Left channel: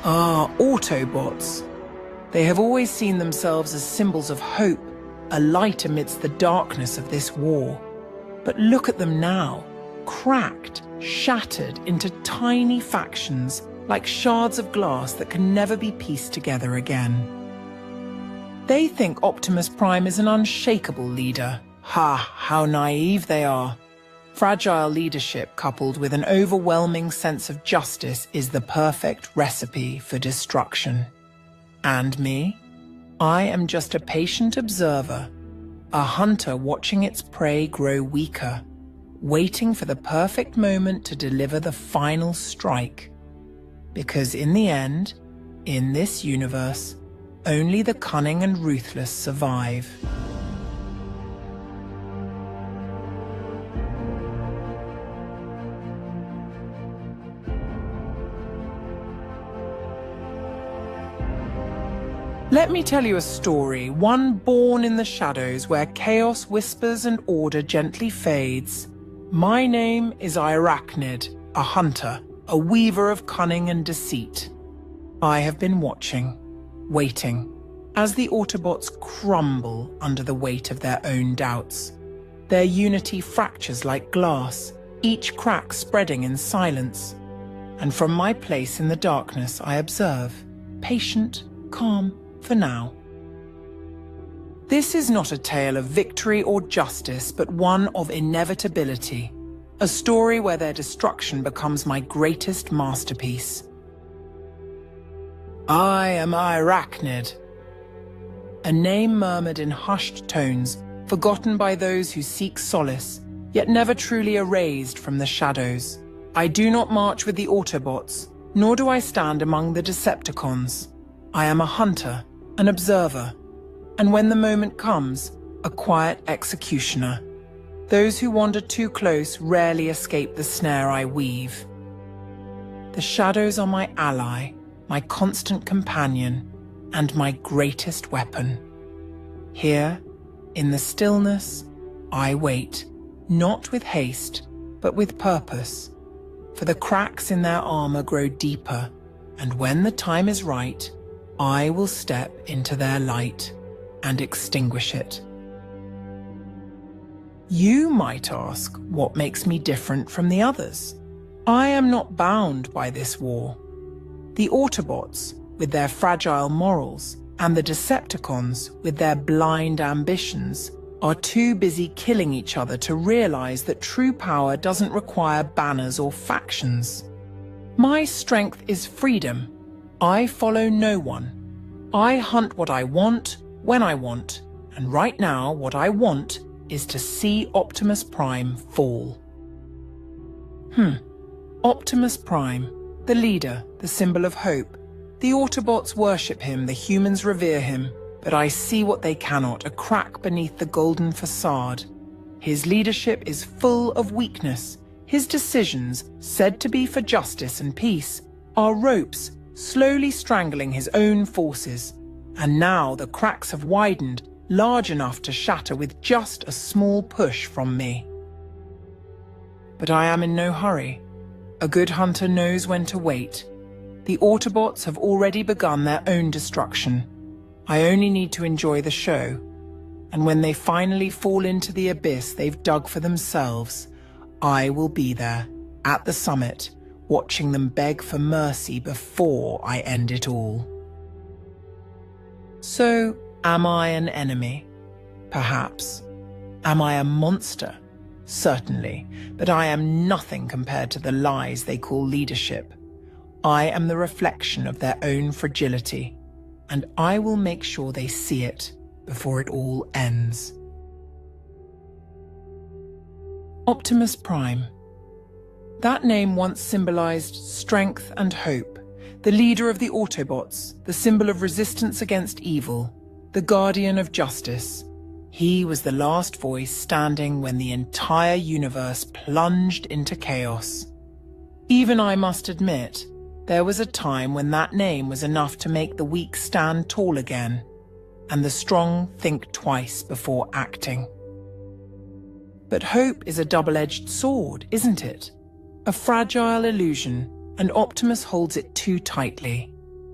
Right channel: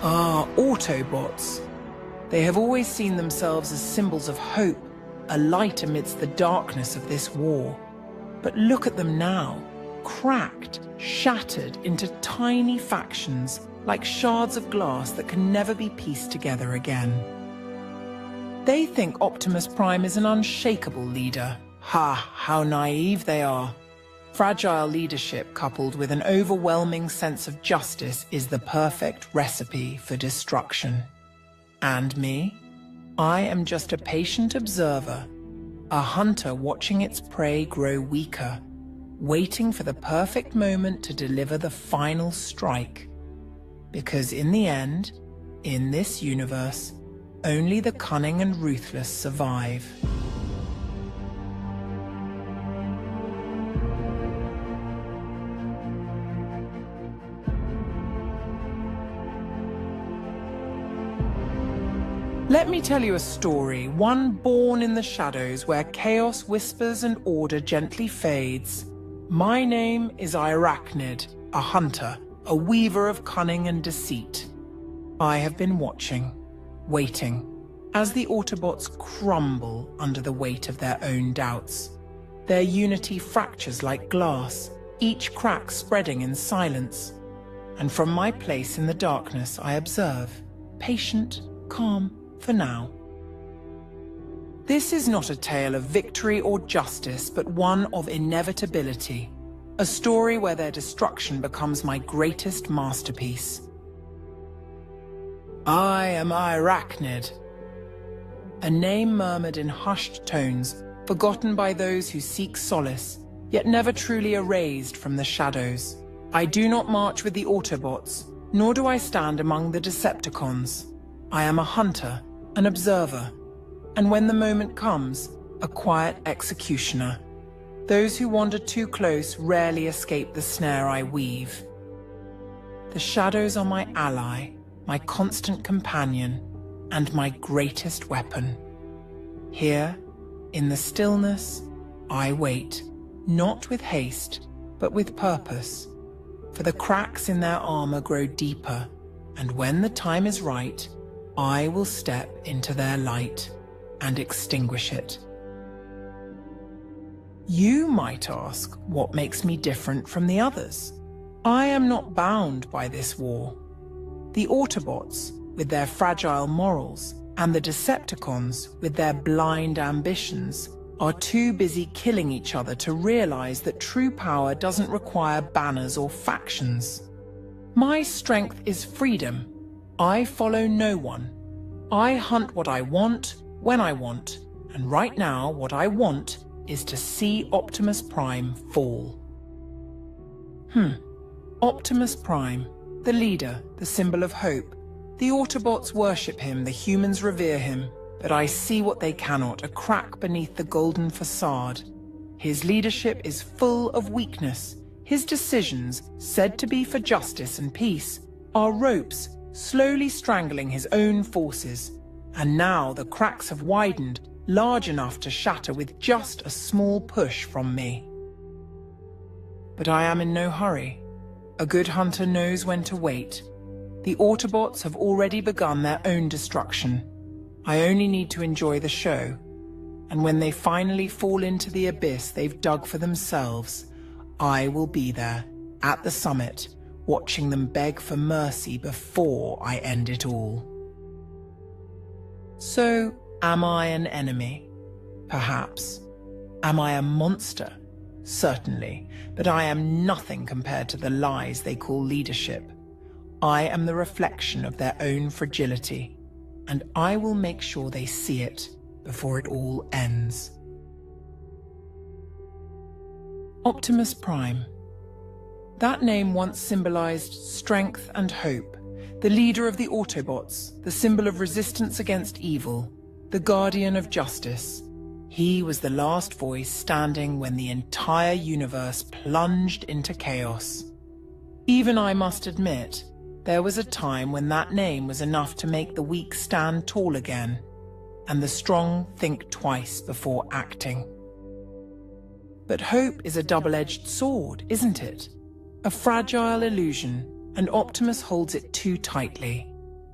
Autobots. They have always seen themselves as symbols of hope, a light amidst the darkness of this war. But look at them now, cracked, shattered into tiny factions like shards of glass that can never be pieced together again. They think Optimus Prime is an unshakable leader. Ha, how naive they are. Fragile leadership coupled with an overwhelming sense of justice is the perfect recipe for destruction. And me? I am just a patient observer, a hunter watching its prey grow weaker, waiting for the perfect moment to deliver the final strike. Because in the end, in this universe, only the cunning and ruthless survive. Let me tell you a story, one born in the shadows where chaos whispers and order gently fades. My name is Airachnid, a hunter, a weaver of cunning and deceit. I have been watching, waiting, as the Autobots crumble under the weight of their own doubts. Their unity fractures like glass, each crack spreading in silence. And from my place in the darkness I observe, patient, calm, for now. This is not a tale of victory or justice, but one of inevitability. A story where their destruction becomes my greatest masterpiece. I am Airachnid. A name murmured in hushed tones, forgotten by those who seek solace, yet never truly erased from the shadows. I do not march with the Autobots, nor do I stand among the Decepticons. I am a hunter, an observer, and when the moment comes, a quiet executioner. Those who wander too close rarely escape the snare I weave. The shadows are my ally, my constant companion, and my greatest weapon. Here, in the stillness, I wait, not with haste, but with purpose, for the cracks in their armor grow deeper, and when the time is right, I will step into their light and extinguish it. You might ask what makes me different from the others. I am not bound by this war. The Autobots, with their fragile morals, and the Decepticons, with their blind ambitions, are too busy killing each other to realize that true power doesn't require banners or factions. My strength is freedom. I follow no one. I hunt what I want, when I want, and right now what I want is to see Optimus Prime fall. Optimus Prime, the leader, the symbol of hope. The Autobots worship him, the humans revere him, but I see what they cannot, a crack beneath the golden facade. His leadership is full of weakness. His decisions, said to be for justice and peace, are ropes slowly strangling his own forces. And now the cracks have widened, large enough to shatter with just a small push from me. But I am in no hurry. A good hunter knows when to wait. The Autobots have already begun their own destruction. I only need to enjoy the show. And when they finally fall into the abyss they've dug for themselves, I will be there, at the summit, watching them beg for mercy before I end it all. So, am I an enemy? Perhaps. Am I a monster? Certainly, but I am nothing compared to the lies they call leadership. I am the reflection of their own fragility, and I will make sure they see it before it all ends. Optimus Prime. That name once symbolized strength and hope, the leader of the Autobots, the symbol of resistance against evil, the guardian of justice. He was the last voice standing when the entire universe plunged into chaos. Even I must admit, there was a time when that name was enough to make the weak stand tall again, and the strong think twice before acting. But hope is a double-edged sword, isn't it? A fragile illusion, and Optimus holds it too tightly.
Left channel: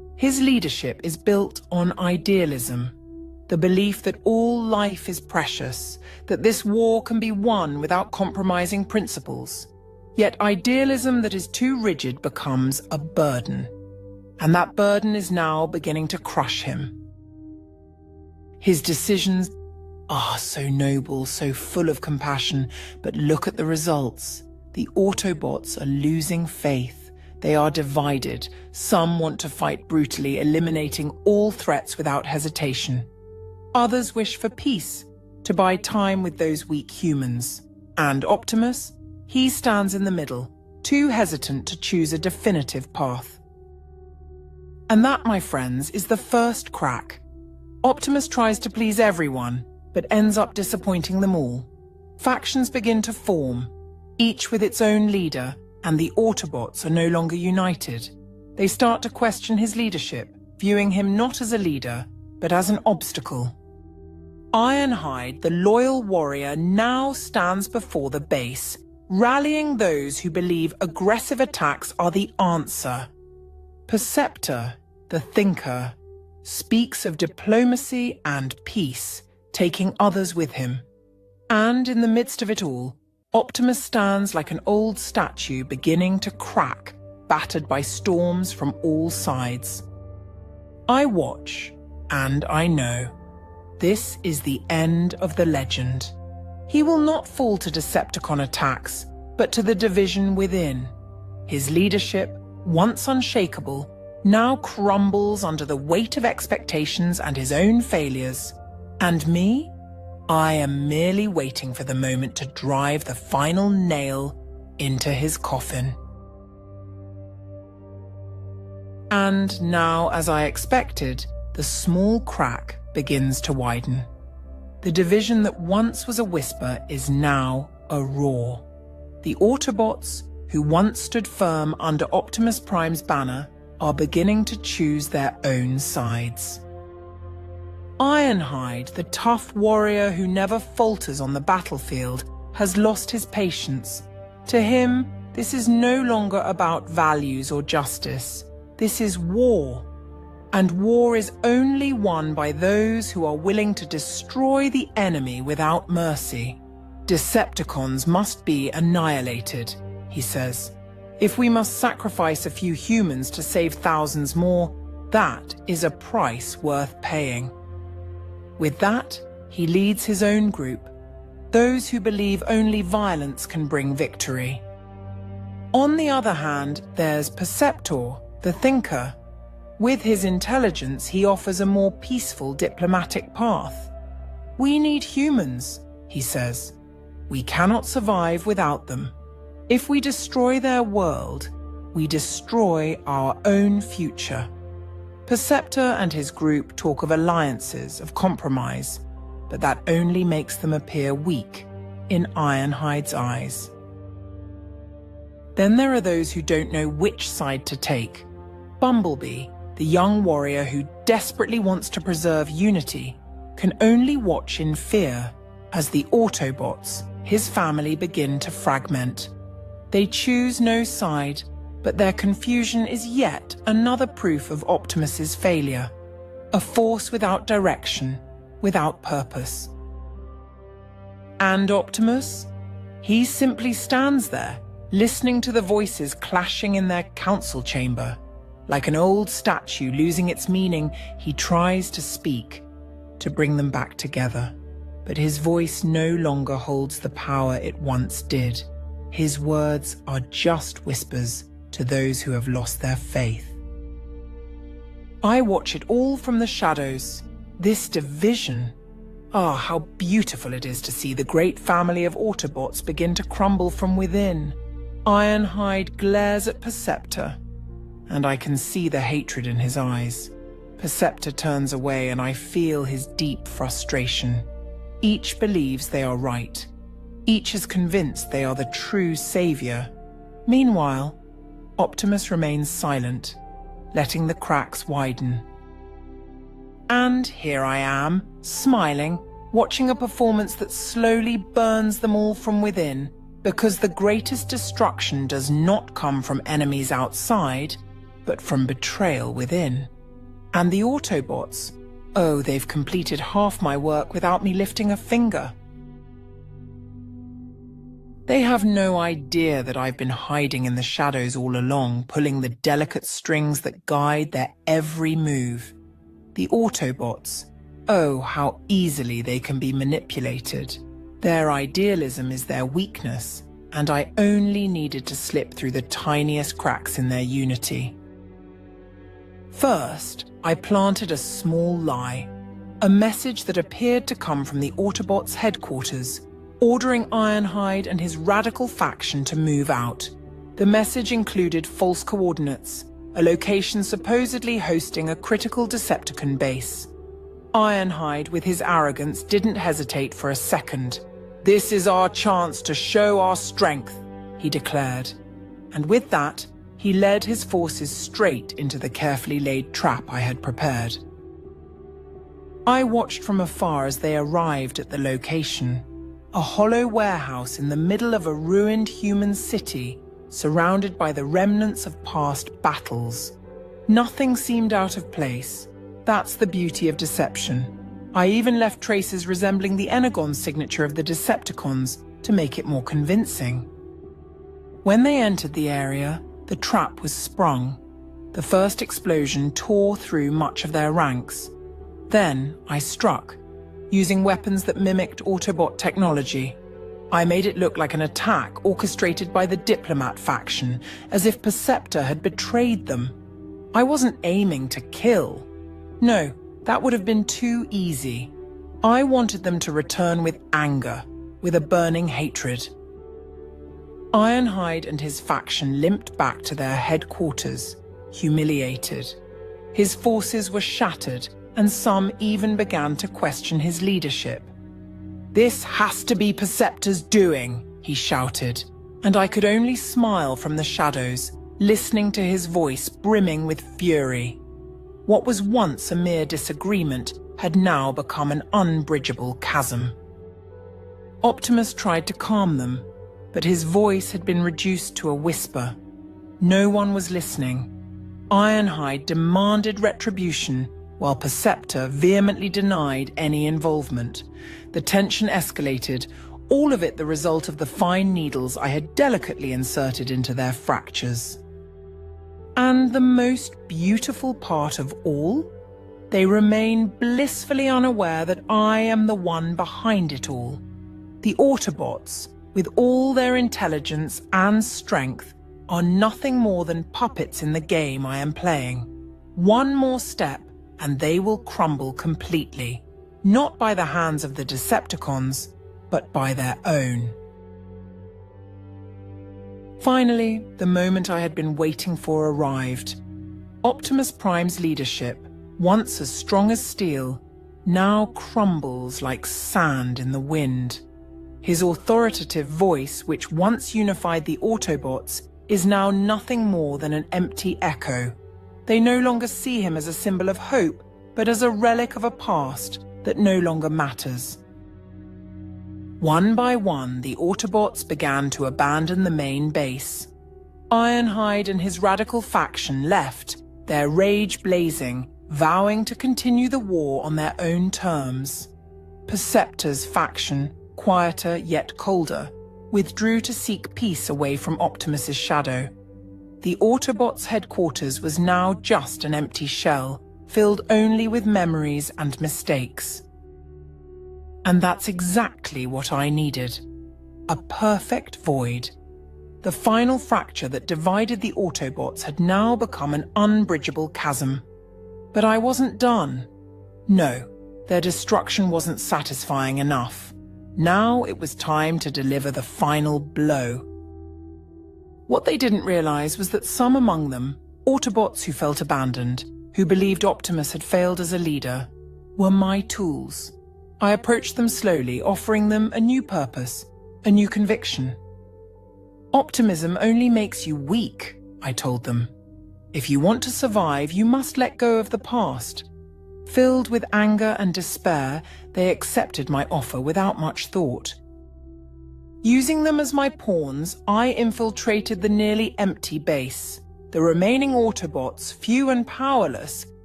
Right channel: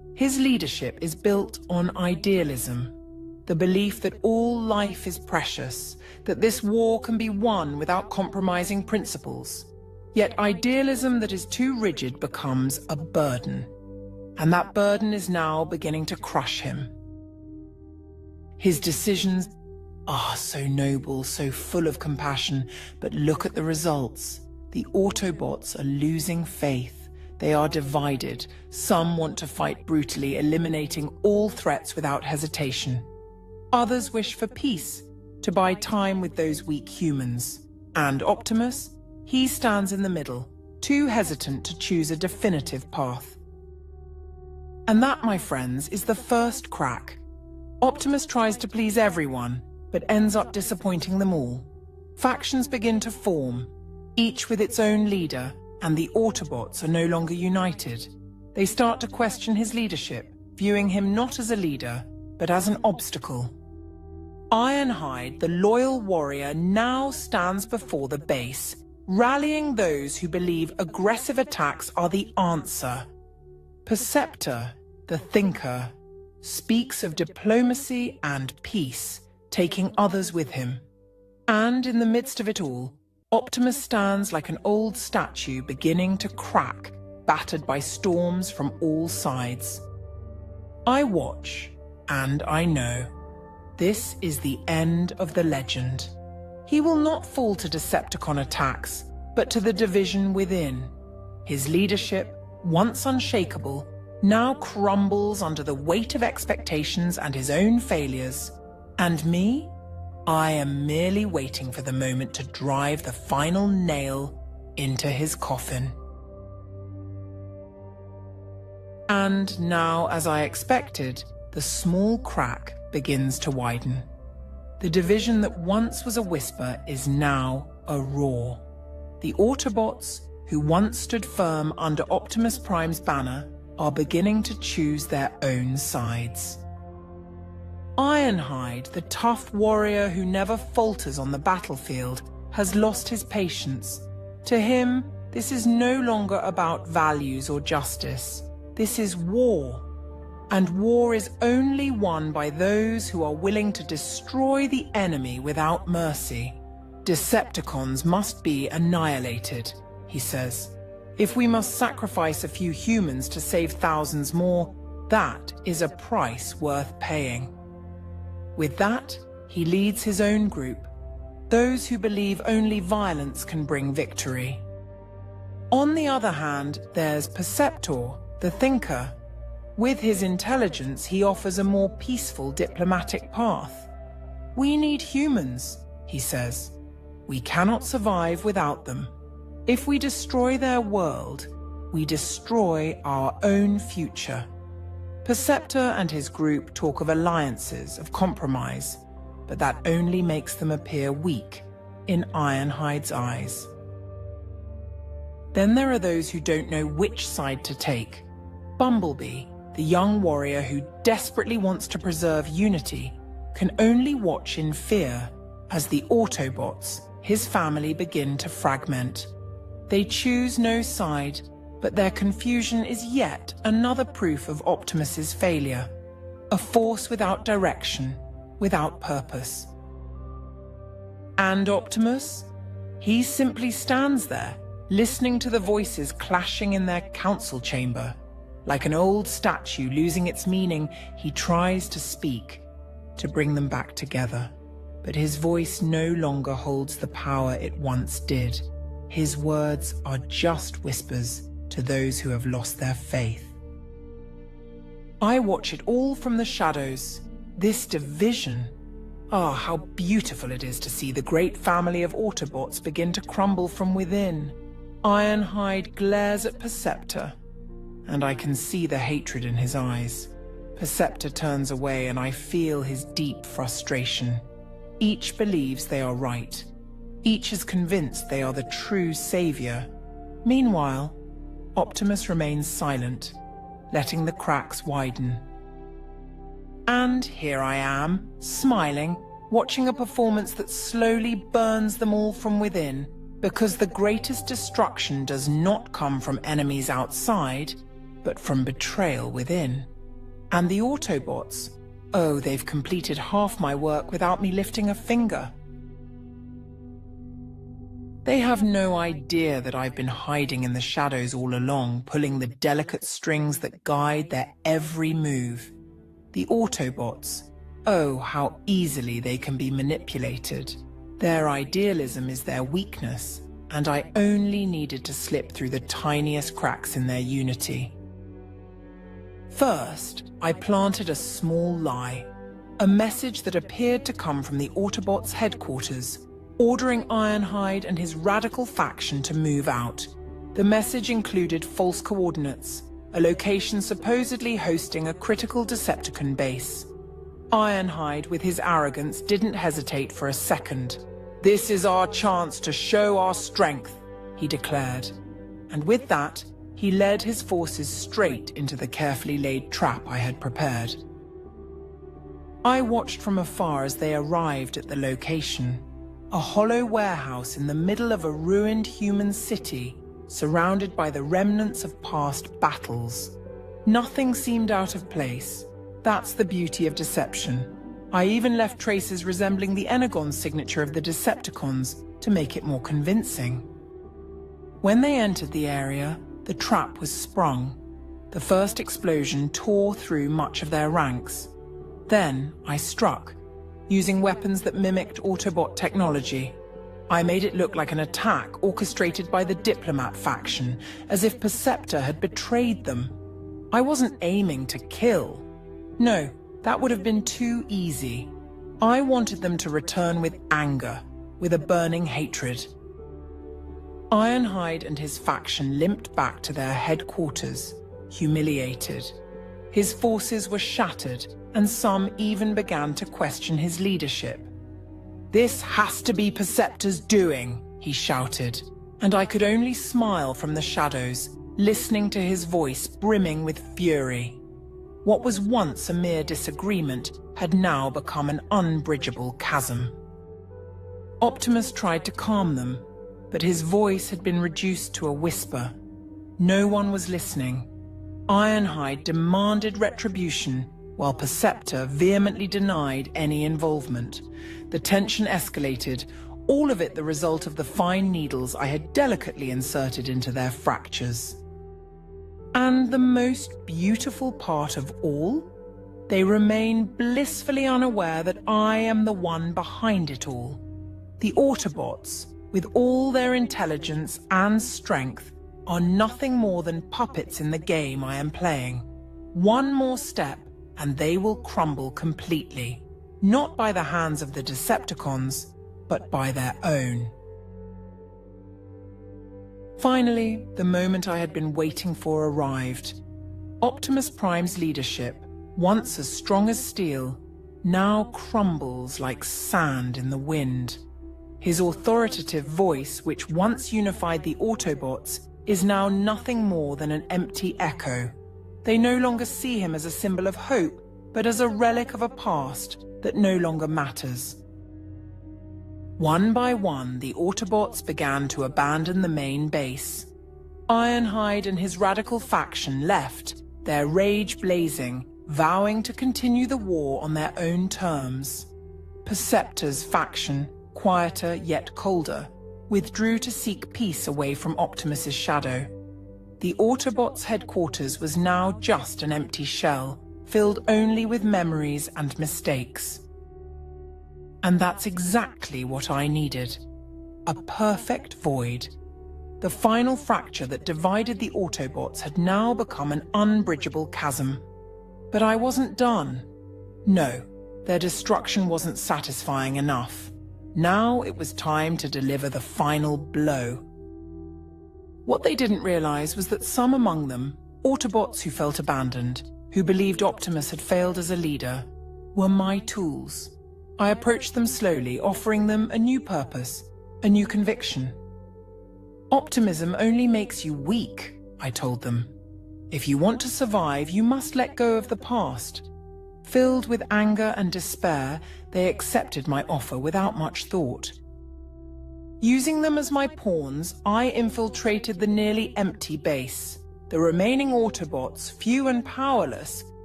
His leadership is built on idealism, the belief that all life is precious, that this war can be won without compromising principles. Yet idealism that is too rigid becomes a burden, and that burden is now beginning to crush him. His decisions are so noble, so full of compassion, but look at the results. The Autobots are losing faith. They are divided. Some want to fight brutally, eliminating all threats without hesitation. Others wish for peace, to buy time with those weak humans. And Optimus? He stands in the middle, too hesitant to choose a definitive path. And that, my friends, is the first crack. Optimus tries to please everyone, but ends up disappointing them all. Factions begin to form, each with its own leader, and the Autobots are no longer united. They start to question his leadership, viewing him not as a leader, but as an obstacle. Ironhide, the loyal warrior, now stands before the base, rallying those who believe aggressive attacks are the answer. Perceptor, the thinker, speaks of diplomacy and peace, taking others with him. And in the midst of it all, Optimus stands like an old statue beginning to crack, battered by storms from all sides. I watch, and I know. This is the end of the legend. He will not fall to Decepticon attacks, but to the division within. His leadership, once unshakable, now crumbles under the weight of expectations and his own failures. And me? I am merely waiting for the moment to drive the final nail into his coffin. And now, as I expected, the small crack begins to widen. The division that once was a whisper is now a roar. The Autobots, who once stood firm under Optimus Prime's banner, are beginning to choose their own sides. Ironhide, the tough warrior who never falters on the battlefield, has lost his patience. To him, this is no longer about values or justice. This is war. And war is only won by those who are willing to destroy the enemy without mercy. Decepticons must be annihilated, he says. If we must sacrifice a few humans to save thousands more, that is a price worth paying. With that, he leads his own group, those who believe only violence can bring victory. On the other hand, there's Perceptor, the thinker. With his intelligence, he offers a more peaceful diplomatic path. We need humans, he says. We cannot survive without them. If we destroy their world, we destroy our own future. Perceptor and his group talk of alliances, of compromise, but that only makes them appear weak in Ironhide's eyes. Then there are those who don't know which side to take. Bumblebee, the young warrior who desperately wants to preserve unity, can only watch in fear as the Autobots, his family, begin to fragment. They choose no side, but their confusion is yet another proof of Optimus's failure, a force without direction, without purpose. And Optimus? He simply stands there, listening to the voices clashing in their council chamber. Like an old statue losing its meaning, he tries to speak, to bring them back together. But his voice no longer holds the power it once did. His words are just whispers to those who have lost their faith. I watch it all from the shadows. This division. Ah, how beautiful it is to see the great family of Autobots begin to crumble from within. Ironhide glares at Perceptor, and I can see the hatred in his eyes. Perceptor turns away, and I feel his deep frustration. Each believes they are right. Each is convinced they are the true savior. Meanwhile, Optimus remains silent, letting the cracks widen. And here I am, smiling, watching a performance that slowly burns them all from within, because the greatest destruction does not come from enemies outside, but from betrayal within. And the Autobots? Oh, they've completed half my work without me lifting a finger. They have no idea that I've been hiding in the shadows all along, pulling the delicate strings that guide their every move. The Autobots. Oh, how easily they can be manipulated. Their idealism is their weakness, and I only needed to slip through the tiniest cracks in their unity. First, I planted a small lie, a message that appeared to come from the Autobots' headquarters, ordering Ironhide and his radical faction to move out. The message included false coordinates, a location supposedly hosting a critical Decepticon base. Ironhide, with his arrogance, didn't hesitate for a second. "This is our chance to show our strength," he declared. And with that, he led his forces straight into the carefully laid trap I had prepared. I watched from afar as they arrived at the location. A hollow warehouse in the middle of a ruined human city, surrounded by the remnants of past battles. Nothing seemed out of place. That's the beauty of deception. I even left traces resembling the Energon signature of the Decepticons to make it more convincing. When they entered the area, the trap was sprung. The first explosion tore through much of their ranks. Then I struck, using weapons that mimicked Autobot technology. I made it look like an attack orchestrated by the Diplomat faction, as if Perceptor had betrayed them. I wasn't aiming to kill. No, that would have been too easy. I wanted them to return with anger, with a burning hatred. Ironhide and his faction limped back to their headquarters, humiliated. His forces were shattered, and some even began to question his leadership. "This has to be Perceptor's doing," he shouted, and I could only smile from the shadows, listening to his voice brimming with fury. What was once a mere disagreement had now become an unbridgeable chasm. Optimus tried to calm them, but his voice had been reduced to a whisper. No one was listening. Ironhide demanded retribution, while Perceptor vehemently denied any involvement. The tension escalated, all of it the result of the fine needles I had delicately inserted into their fractures. And the most beautiful part of all? They remain blissfully unaware that I am the one behind it all. The Autobots, with all their intelligence and strength, are nothing more than puppets in the game I am playing. One more step, and they will crumble completely, not by the hands of the Decepticons, but by their own. Finally, the moment I had been waiting for arrived. Optimus Prime's leadership, once as strong as steel, now crumbles like sand in the wind. His authoritative voice, which once unified the Autobots, is now nothing more than an empty echo. They no longer see him as a symbol of hope, but as a relic of a past that no longer matters. One by one, the Autobots began to abandon the main base. Ironhide and his radical faction left, their rage blazing, vowing to continue the war on their own terms. Perceptor's faction, quieter yet colder, withdrew to seek peace away from Optimus's shadow. The Autobots' headquarters was now just an empty shell, filled only with memories and mistakes. And that's exactly what I needed. A perfect void. The final fracture that divided the Autobots had now become an unbridgeable chasm. But I wasn't done. No, their destruction wasn't satisfying enough. Now it was time to deliver the final blow. What they didn't realize was that some among them, Autobots who felt abandoned, who believed Optimus had failed as a leader, were my tools. I approached them slowly, offering them a new purpose, a new conviction. Optimism only makes you weak, I told them. If you want to survive, you must let go of the past. Filled with anger and despair, they accepted my offer without much thought. Using them as my pawns, I infiltrated the nearly empty base. The remaining Autobots, few and powerless,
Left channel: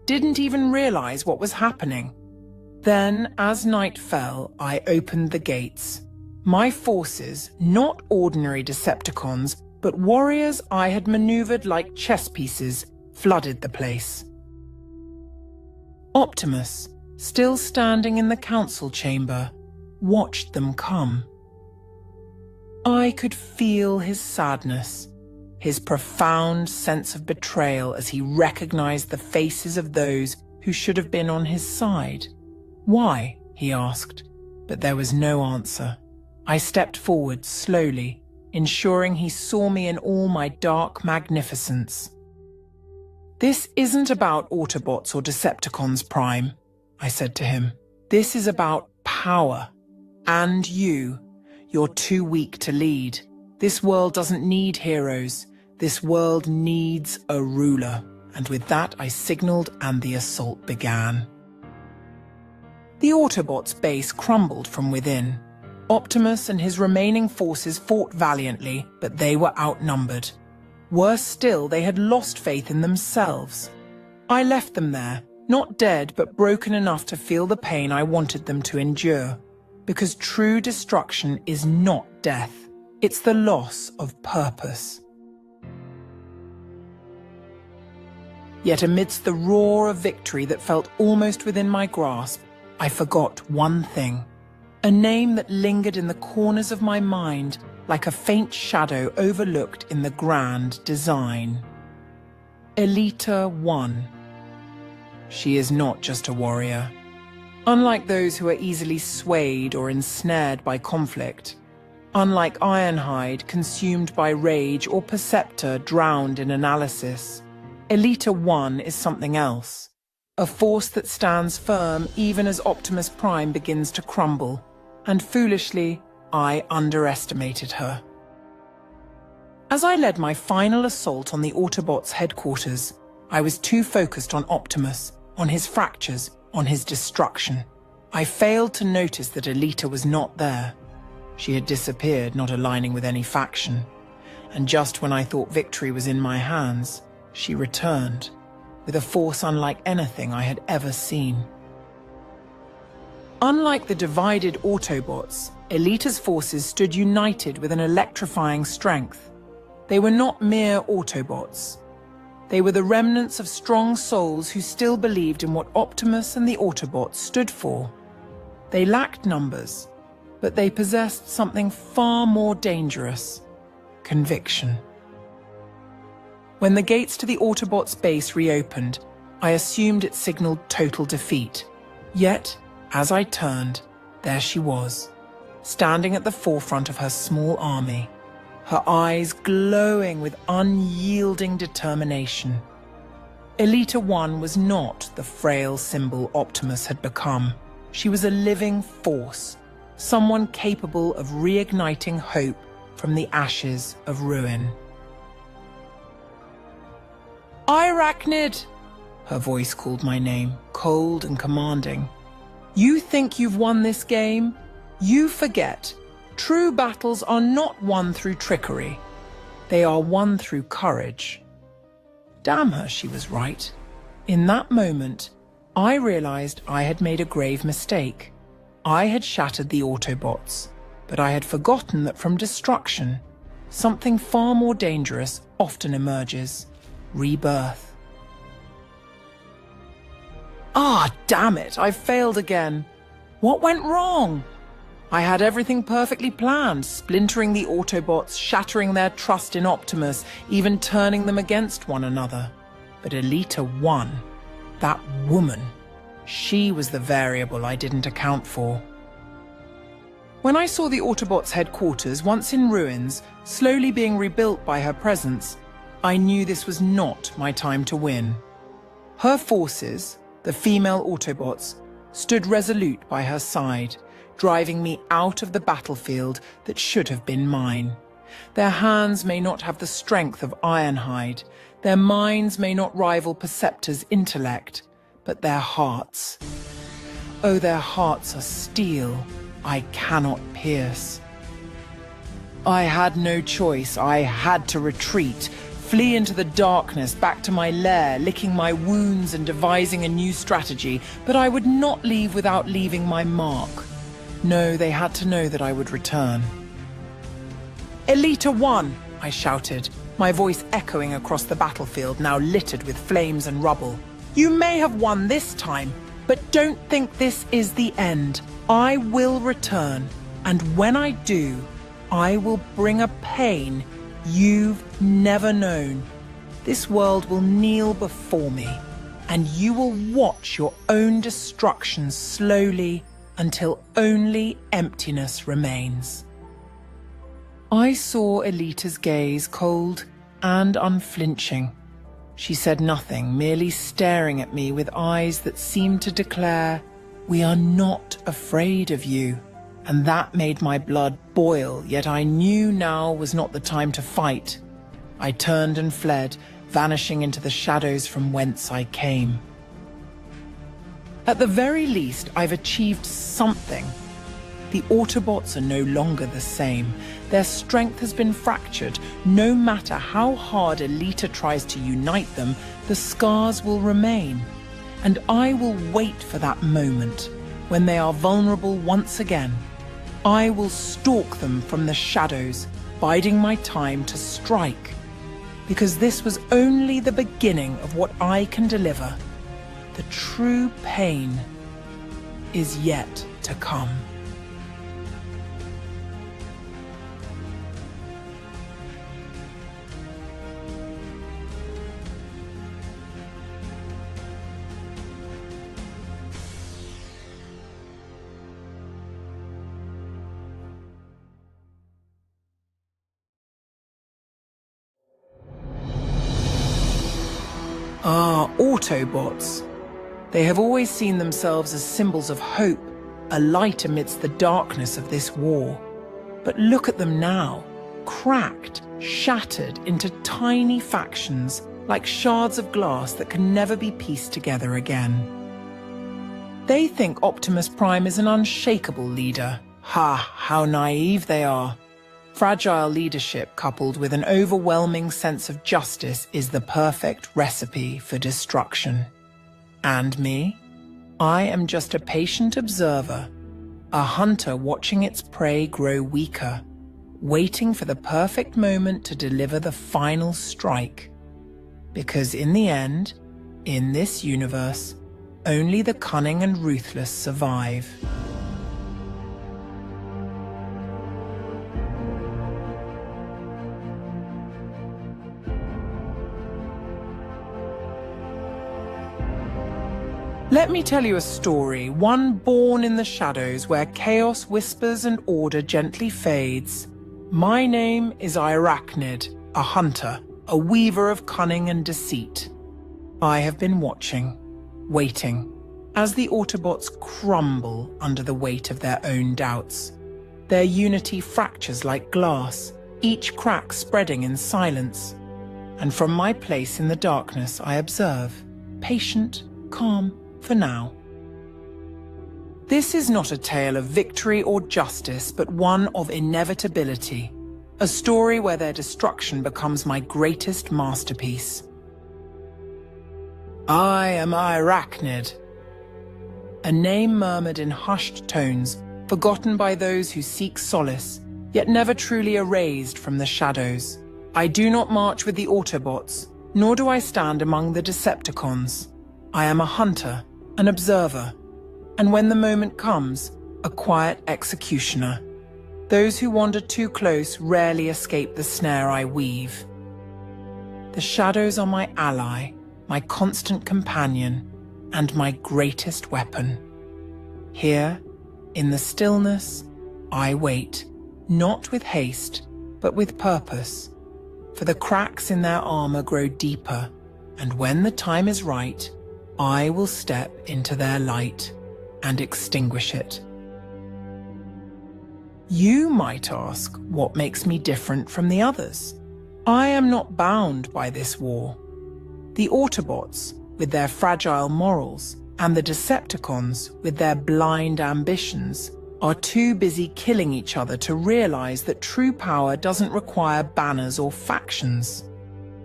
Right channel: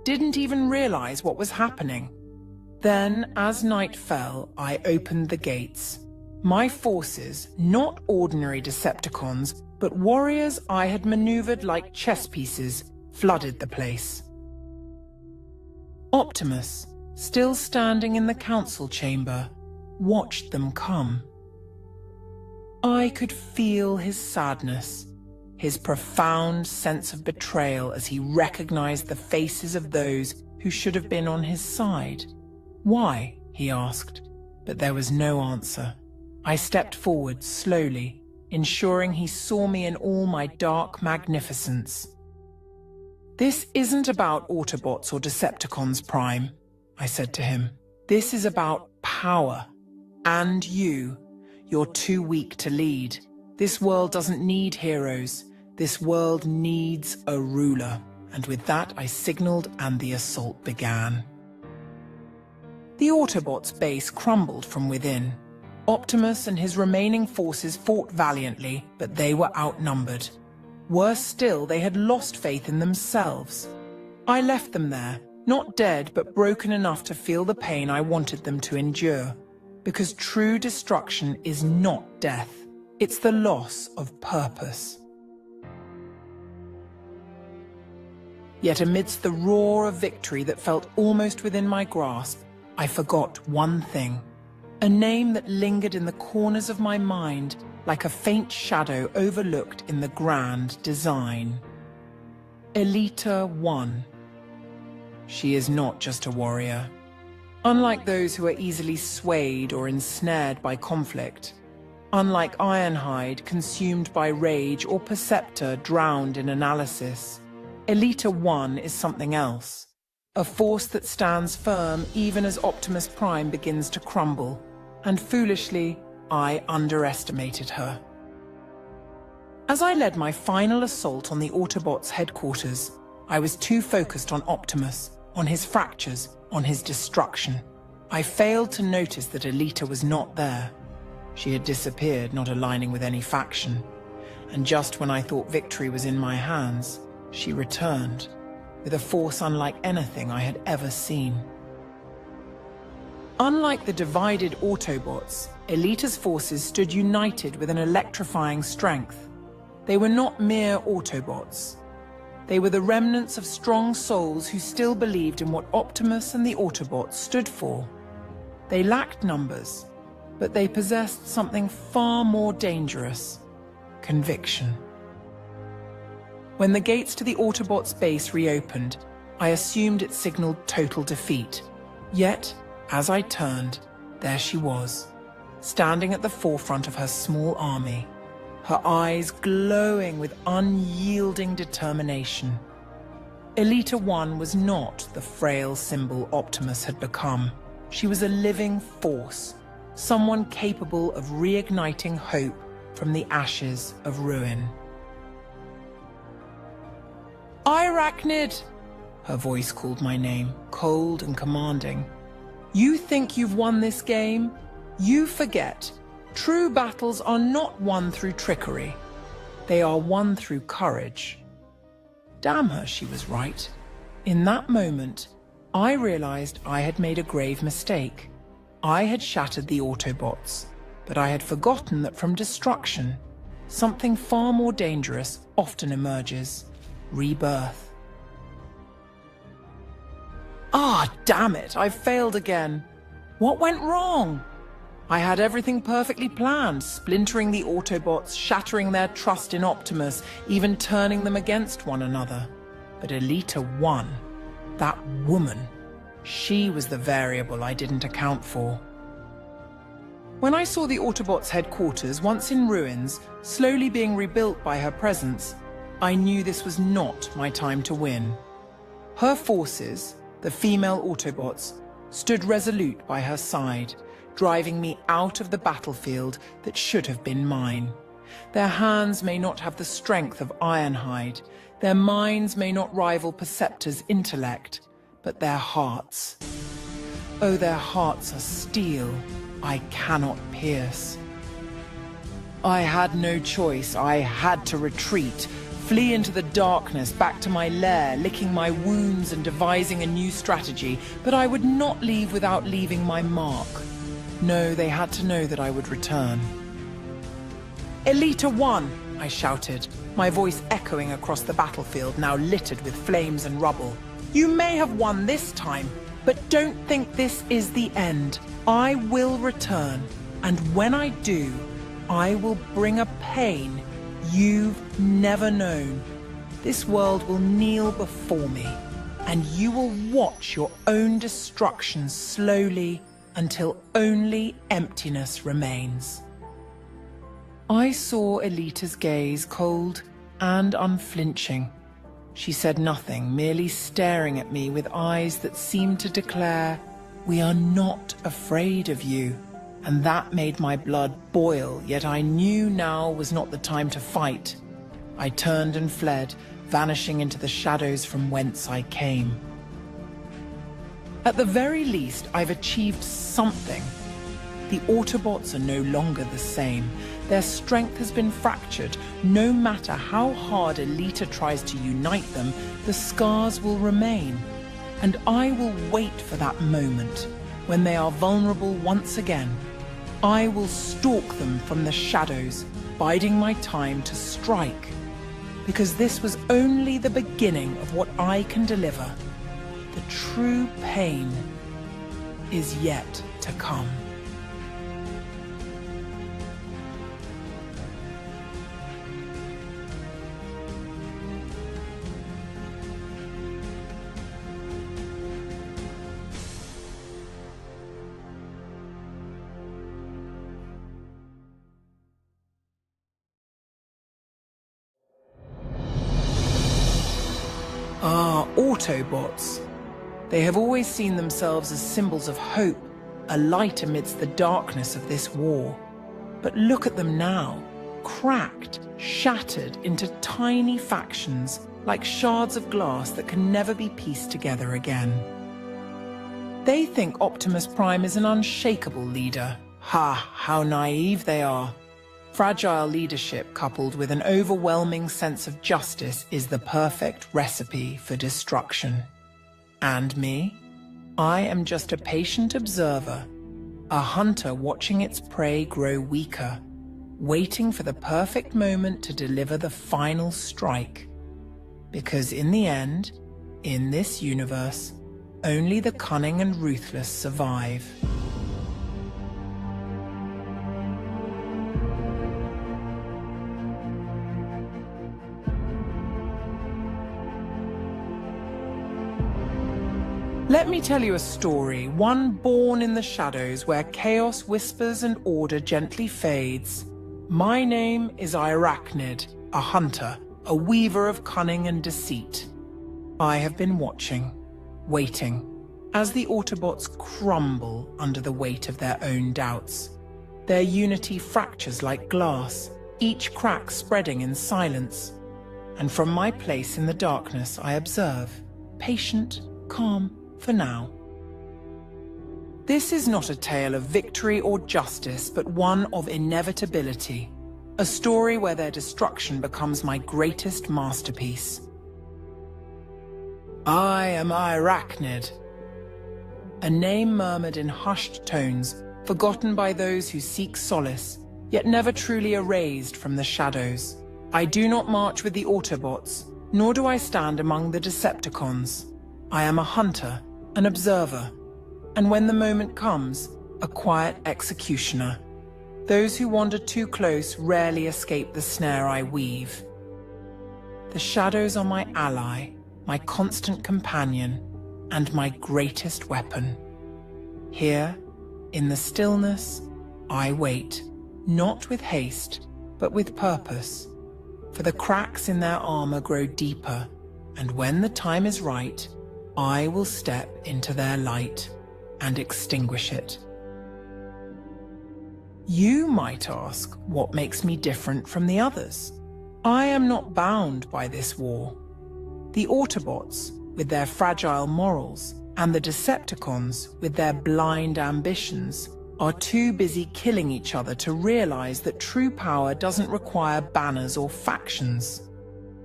didn't even realize what was happening. Then, as night fell, I opened the gates. My forces, not ordinary Decepticons, but warriors I had maneuvered like chess pieces, flooded the place. Optimus, still standing in the council chamber, watched them come. I could feel his sadness, his profound sense of betrayal as he recognized the faces of those who should have been on his side. "Why?" he asked, but there was no answer. I stepped forward slowly, ensuring he saw me in all my dark magnificence. "This isn't about Autobots or Decepticons, Prime," I said to him. "This is about power. And you. You're too weak to lead. This world doesn't need heroes. This world needs a ruler." And with that, I signaled and the assault began. The Autobots' base crumbled from within. Optimus and his remaining forces fought valiantly, but they were outnumbered. Worse still, they had lost faith in themselves. I left them there, not dead, but broken enough to feel the pain I wanted them to endure. Because true destruction is not death. It's the loss of purpose. Yet amidst the roar of victory that felt almost within my grasp, I forgot one thing. A name that lingered in the corners of my mind like a faint shadow overlooked in the grand design. Elita 1. She is not just a warrior. Unlike those who are easily swayed or ensnared by conflict, unlike Ironhide consumed by rage or Perceptor drowned in analysis, Elita 1 is something else. A force that stands firm even as Optimus Prime begins to crumble. And foolishly, I underestimated her. As I led my final assault on the Autobots' headquarters, I was too focused on Optimus, on his fractures, on his destruction. I failed to notice that Elita was not there. She had disappeared, not aligning with any faction. And just when I thought victory was in my hands, she returned, with a force unlike anything I had ever seen. Unlike the divided Autobots, Elita's forces stood united with an electrifying strength. They were not mere Autobots. They were the remnants of strong souls who still believed in what Optimus and the Autobots stood for. They lacked numbers, but they possessed something far more dangerous: conviction. When the gates to the Autobots' base reopened, I assumed it signaled total defeat. Yet, as I turned, there she was, standing at the forefront of her small army, her eyes glowing with unyielding determination. Elita 1 was not the frail symbol Optimus had become. She was a living force, someone capable of reigniting hope from the ashes of ruin. "Airachnid!" Her voice called my name, cold and commanding. "You think you've won this game? You forget. True battles are not won through trickery. They are won through courage." Damn her, she was right. In that moment, I realized I had made a grave mistake. I had shattered the Autobots, but I had forgotten that from destruction, something far more dangerous often emerges: rebirth. Ah, damn it, I failed again. What went wrong? I had everything perfectly planned, splintering the Autobots, shattering their trust in Optimus, even turning them against one another. But Elita 1, that woman, she was the variable I didn't account for. When I saw the Autobots' headquarters, once in ruins, slowly being rebuilt by her presence, I knew this was not my time to win. Her forces, the female Autobots, stood resolute by her side, driving me out of the battlefield that should have been mine. Their hands may not have the strength of Ironhide, their minds may not rival Perceptor's intellect, but their hearts. Oh, their hearts are steel I cannot pierce. I had no choice. I had to retreat, flee into the darkness back to my lair, licking my wounds and devising a new strategy, but I would not leave without leaving my mark. No, they had to know that I would return. "Elita won!" I shouted, my voice echoing across the battlefield now littered with flames and rubble. "You may have won this time, but don't think this is the end. I will return, and when I do, I will bring a pain you've never known. This world will kneel before me, and you will watch your own destruction slowly until only emptiness remains." I saw Elita's gaze cold and unflinching. She said nothing, merely staring at me with eyes that seemed to declare, "We are not afraid of you." And that made my blood boil, yet I knew now was not the time to fight. I turned and fled, vanishing into the shadows from whence I came. At the very least, I've achieved something. The Autobots are no longer the same. Their strength has been fractured. No matter how hard Elita tries to unite them, the scars will remain. And I will wait for that moment, when they are vulnerable once again. I will stalk them from the shadows, biding my time to strike. Because this was only the beginning of what I can deliver. The true pain is yet to come. Autobots. They have always seen themselves as symbols of hope, a light amidst the darkness of this war. But look at them now, cracked, shattered into tiny factions, like shards of glass that can never be pieced together again. They think Optimus Prime is an unshakable leader. Ha, how naive they are. Fragile leadership coupled with an overwhelming sense of justice is the perfect recipe for destruction. And me? I am just a patient observer, a hunter watching its prey grow weaker, waiting for the perfect moment to deliver the final strike. Because in the end, in this universe, only the cunning and ruthless survive. Let me tell you a story, one born in the shadows where chaos whispers and order gently fades. My name is Airachnid, a hunter, a weaver of cunning and deceit. I have been watching, waiting, as the Autobots crumble under the weight of their own doubts. Their unity fractures like glass, each crack spreading in silence. And from my place in the darkness I observe, patient, calm, for now. This is not a tale of victory or justice, but one of inevitability. A story where their destruction becomes my greatest masterpiece. I am Airachnid. A name murmured in hushed tones, forgotten by those who seek solace, yet never truly erased from the shadows. I do not march with the Autobots, nor do I stand among the Decepticons. I am a hunter, an observer, and when the moment comes, a quiet executioner. Those who wander too close rarely escape the snare I weave. The shadows are my ally, my constant companion, and my greatest weapon. Here, in the stillness, I wait, not with haste, but with purpose, for the cracks in their armor grow deeper, and when the time is right, I will step into their light and extinguish it. You might ask what makes me different from the others. I am not bound by this war. The Autobots, with their fragile morals, and the Decepticons, with their blind ambitions, are too busy killing each other to realize that true power doesn't require banners or factions.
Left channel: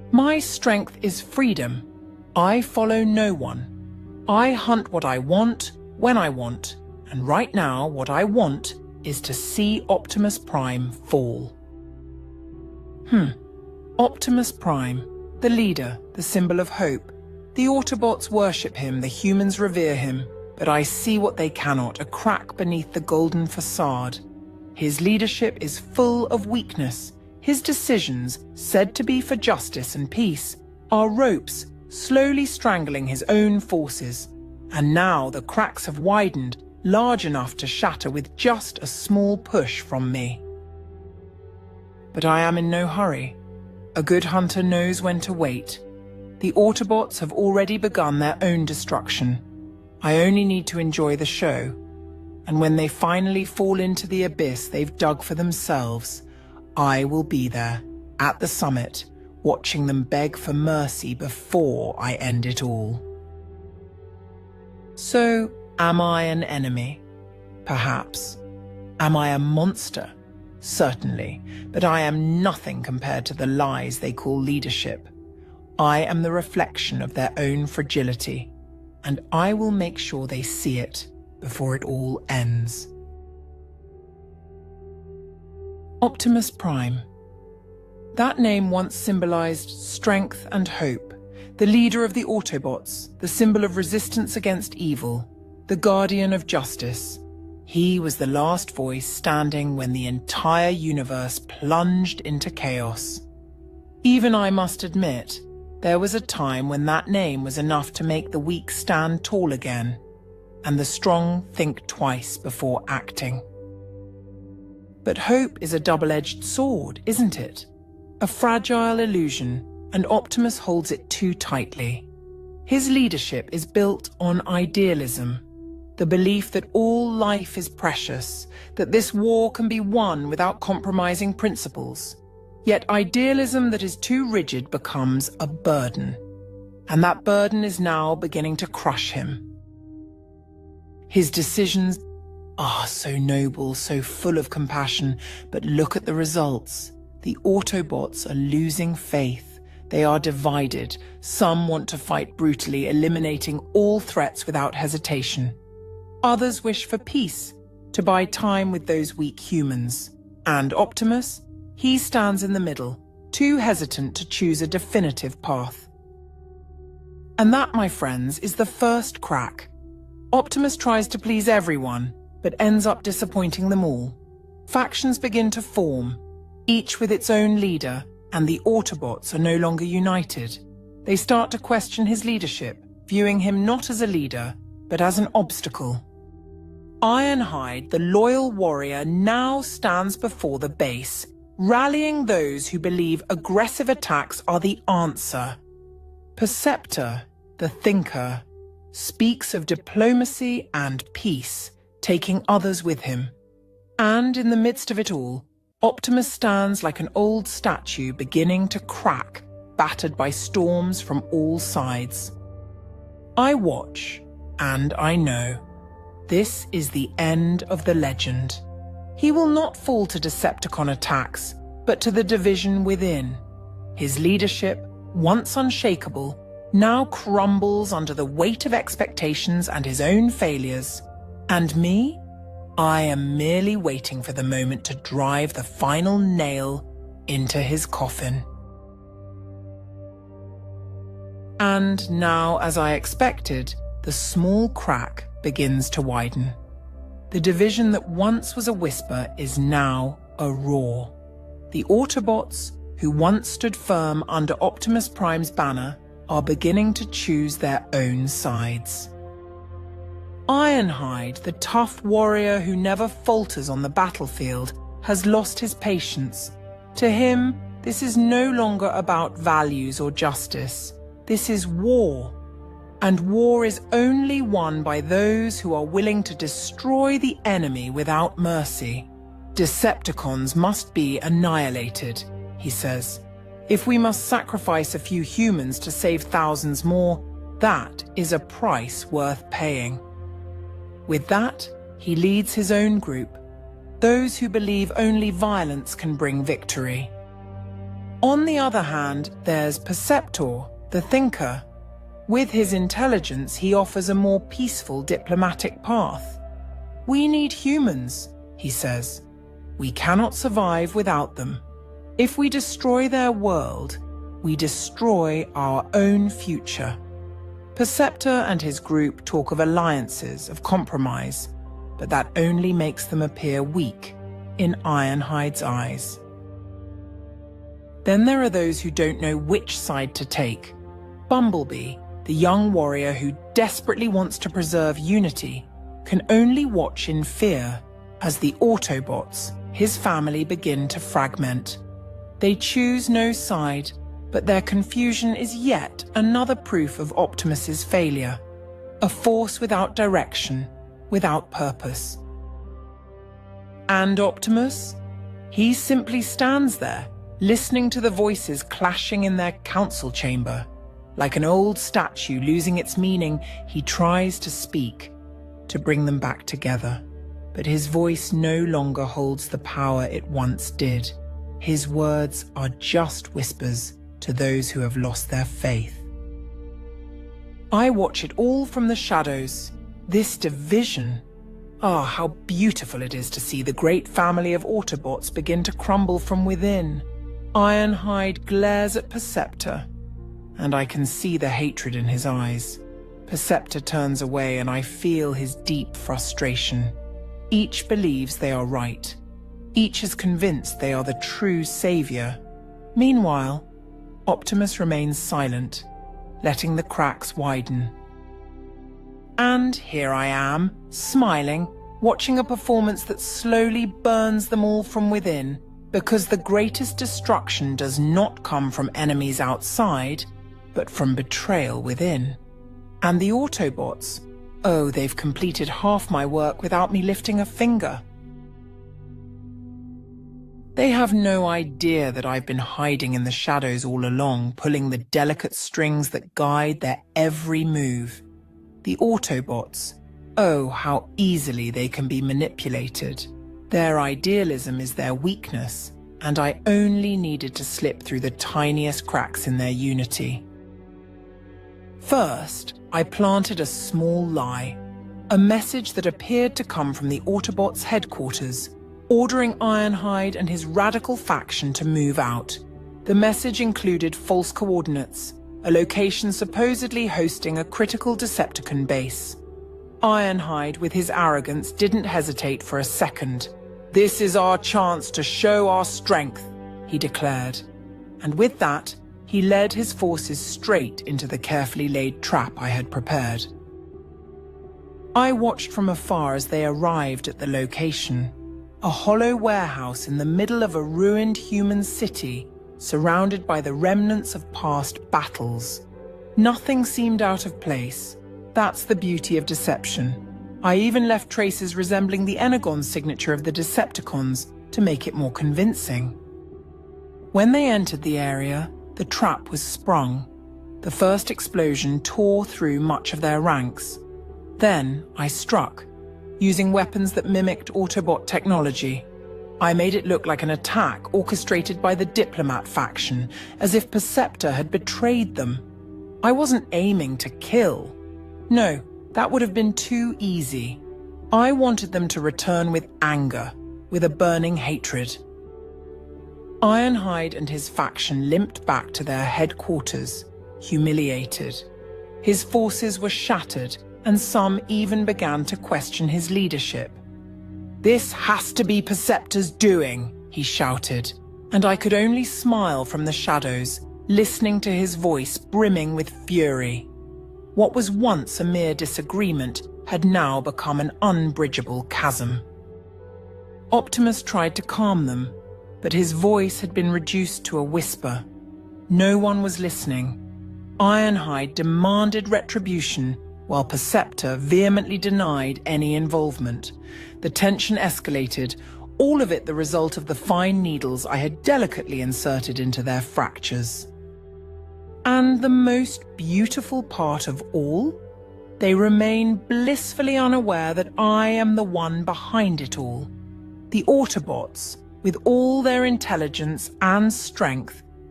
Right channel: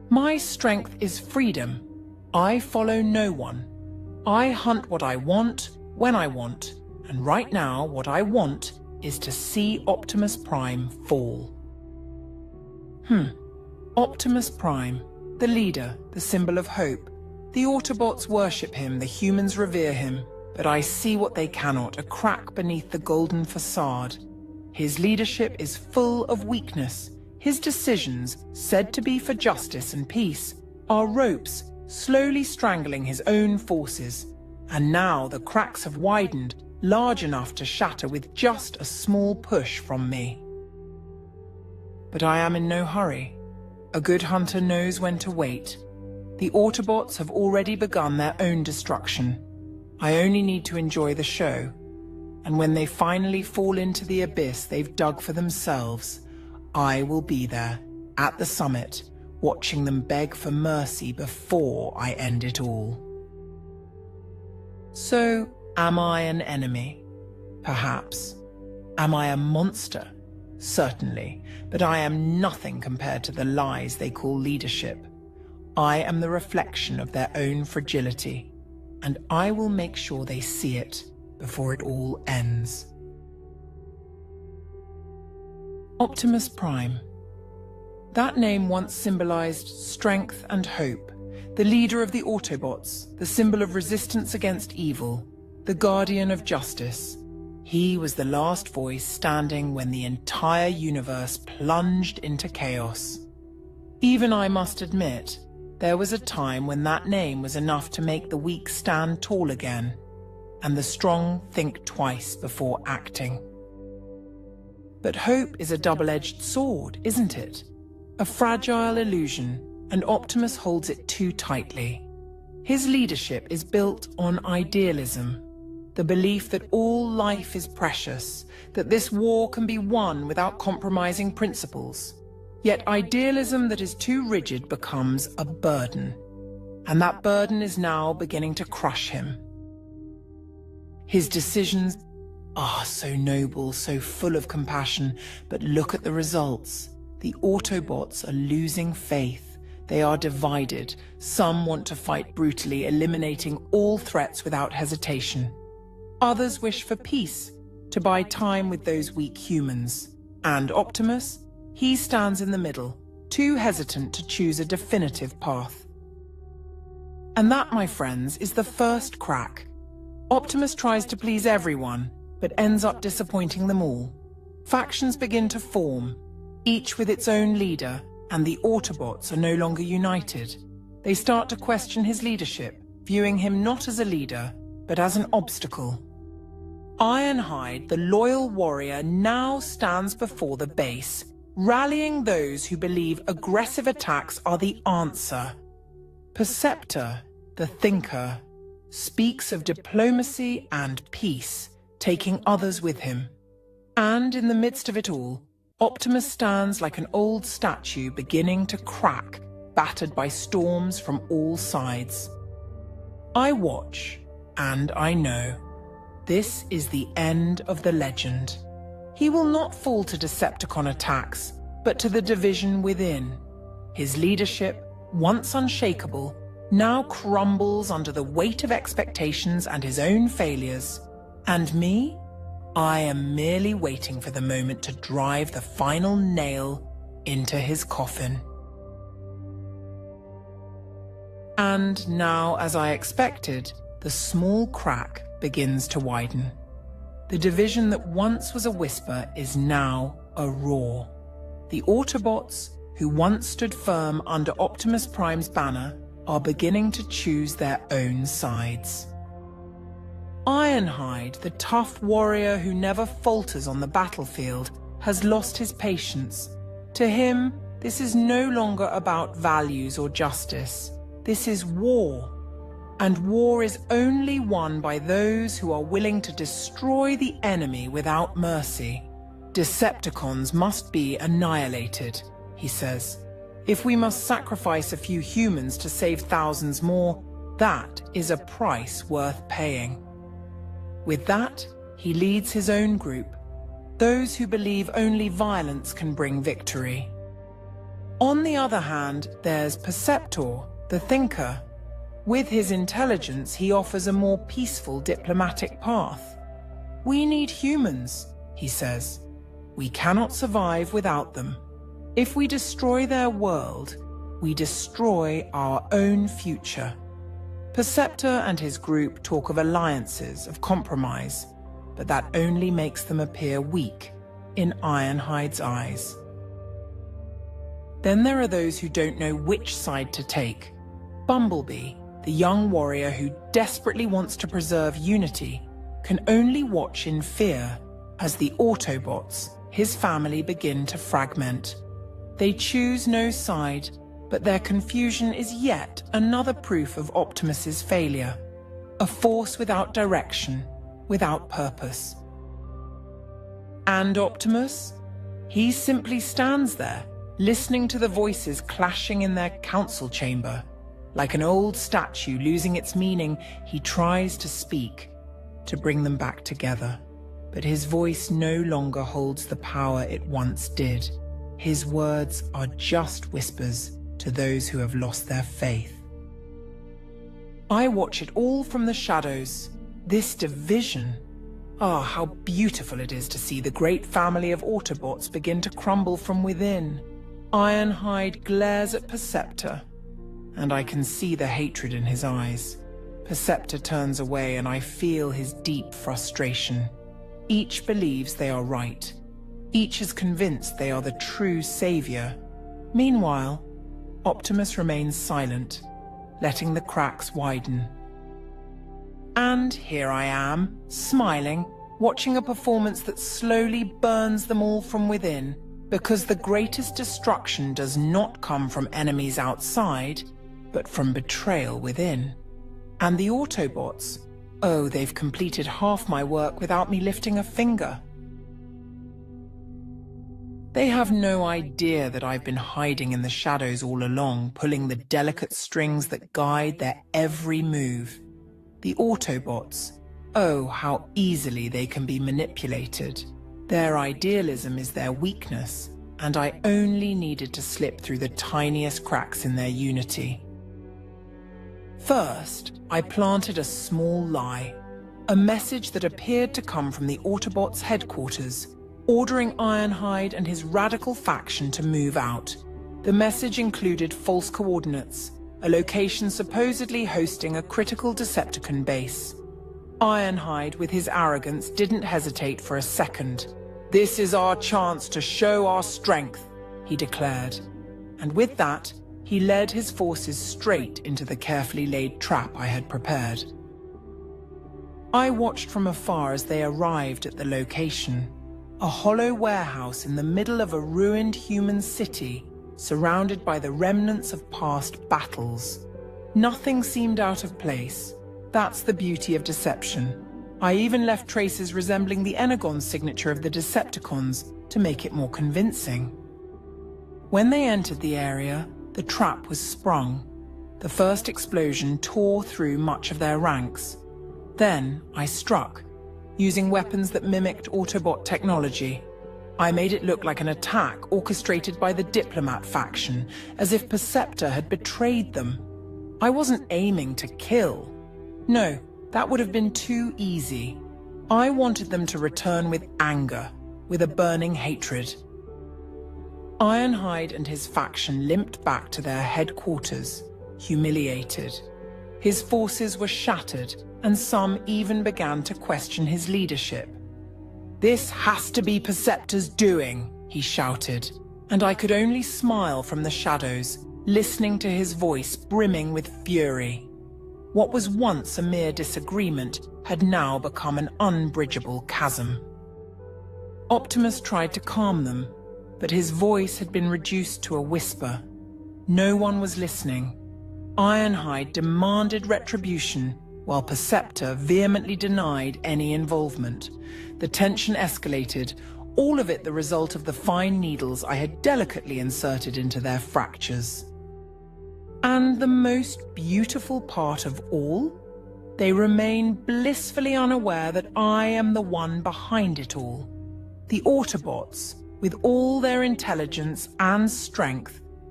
My strength is freedom. I follow no one. I hunt what I want, when I want, and right now what I want is to see Optimus Prime fall. Optimus Prime, the leader, the symbol of hope. The Autobots worship him, the humans revere him, but I see what they cannot, a crack beneath the golden facade. His leadership is full of weakness. His decisions, said to be for justice and peace, are ropes slowly strangling his own forces. And now the cracks have widened, large enough to shatter with just a small push from me. But I am in no hurry. A good hunter knows when to wait. The Autobots have already begun their own destruction. I only need to enjoy the show. And when they finally fall into the abyss they've dug for themselves, I will be there, at the summit, watching them beg for mercy before I end it all. So, am I an enemy? Perhaps. Am I a monster? Certainly, but I am nothing compared to the lies they call leadership. I am the reflection of their own fragility, and I will make sure they see it before it all ends. Optimus Prime. That name once symbolized strength and hope, the leader of the Autobots, the symbol of resistance against evil, the guardian of justice. He was the last voice standing when the entire universe plunged into chaos. Even I must admit, there was a time when that name was enough to make the weak stand tall again, and the strong think twice before acting. But hope is a double-edged sword, isn't it? A fragile illusion, and Optimus holds it too tightly. His leadership is built on idealism, the belief that all life is precious, that this war can be won without compromising principles. Yet idealism that is too rigid becomes a burden, and that burden is now beginning to crush him. His decisions are so noble, so full of compassion, but look at the results. The Autobots are losing faith. They are divided. Some want to fight brutally, eliminating all threats without hesitation. Others wish for peace, to buy time with those weak humans. And Optimus? He stands in the middle, too hesitant to choose a definitive path. And that, my friends, is the first crack. Optimus tries to please everyone, but ends up disappointing them all. Factions begin to form, each with its own leader, and the Autobots are no longer united. They start to question his leadership, viewing him not as a leader, but as an obstacle. Ironhide, the loyal warrior, now stands before the base, rallying those who believe aggressive attacks are the answer. Perceptor, the thinker, speaks of diplomacy and peace, taking others with him. And in the midst of it all, Optimus stands like an old statue beginning to crack, battered by storms from all sides. I watch, and I know. This is the end of the legend. He will not fall to Decepticon attacks, but to the division within. His leadership, once unshakable, now crumbles under the weight of expectations and his own failures. And me? I am merely waiting for the moment to drive the final nail into his coffin. And now, as I expected, the small crack begins to widen. The division that once was a whisper is now a roar. The Autobots, who once stood firm under Optimus Prime's banner, are beginning to choose their own sides. Ironhide, the tough warrior who never falters on the battlefield, has lost his patience. To him, this is no longer about values or justice. This is war. And war is only won by those who are willing to destroy the enemy without mercy. Decepticons must be annihilated, he says. If we must sacrifice a few humans to save thousands more, that is a price worth paying. With that, he leads his own group, those who believe only violence can bring victory. On the other hand, there's Perceptor, the thinker. With his intelligence, he offers a more peaceful diplomatic path. We need humans, he says. We cannot survive without them. If we destroy their world, we destroy our own future. Perceptor and his group talk of alliances, of compromise, but that only makes them appear weak in Ironhide's eyes. Then there are those who don't know which side to take. Bumblebee, the young warrior who desperately wants to preserve unity, can only watch in fear as the Autobots, his family, begin to fragment. They choose no side, but their confusion is yet another proof of Optimus's failure. A force without direction, without purpose. And Optimus? He simply stands there, listening to the voices clashing in their council chamber. Like an old statue losing its meaning, he tries to speak, to bring them back together. But his voice no longer holds the power it once did. His words are just whispers to those who have lost their faith. I watch it all from the shadows. This division. Ah, how beautiful it is to see the great family of Autobots begin to crumble from within. Ironhide glares at Perceptor, and I can see the hatred in his eyes. Perceptor turns away, and I feel his deep frustration. Each believes they are right. Each is convinced they are the true savior. Meanwhile, Optimus remains silent, letting the cracks widen. And here I am, smiling, watching a performance that slowly burns them all from within, because the greatest destruction does not come from enemies outside, but from betrayal within. And the Autobots, oh, they've completed half my work without me lifting a finger. They have no idea that I've been hiding in the shadows all along, pulling the delicate strings that guide their every move. The Autobots, oh, how easily they can be manipulated. Their idealism is their weakness, and I only needed to slip through the tiniest cracks in their unity. First, I planted a small lie, a message that appeared to come from the Autobots' headquarters, ordering Ironhide and his radical faction to move out. The message included false coordinates, a location supposedly hosting a critical Decepticon base. Ironhide, with his arrogance, didn't hesitate for a second. "This is our chance to show our strength," he declared. And with that, he led his forces straight into the carefully laid trap I had prepared. I watched from afar as they arrived at the location. A hollow warehouse in the middle of a ruined human city, surrounded by the remnants of past battles. Nothing seemed out of place. That's the beauty of deception. I even left traces resembling the Energon signature of the Decepticons to make it more convincing. When they entered the area, the trap was sprung. The first explosion tore through much of their ranks. Then I struck, using weapons that mimicked Autobot technology. I made it look like an attack orchestrated by the Diplomat faction, as if Perceptor had betrayed them. I wasn't aiming to kill. No, that would have been too easy. I wanted them to return with anger, with a burning hatred. Ironhide and his faction limped back to their headquarters, humiliated. His forces were shattered, and some even began to question his leadership. "This has to be Perceptor's doing," he shouted, and I could only smile from the shadows, listening to his voice brimming with fury. What was once a mere disagreement had now become an unbridgeable chasm. Optimus tried to calm them, but his voice had been reduced to a whisper. No one was listening. Ironhide demanded retribution, while Perceptor vehemently denied any involvement. The tension escalated, all of it the result of the fine needles I had delicately inserted into their fractures. And the most beautiful part of all? They remain blissfully unaware that I am the one behind it all. The Autobots, with all their intelligence and strength,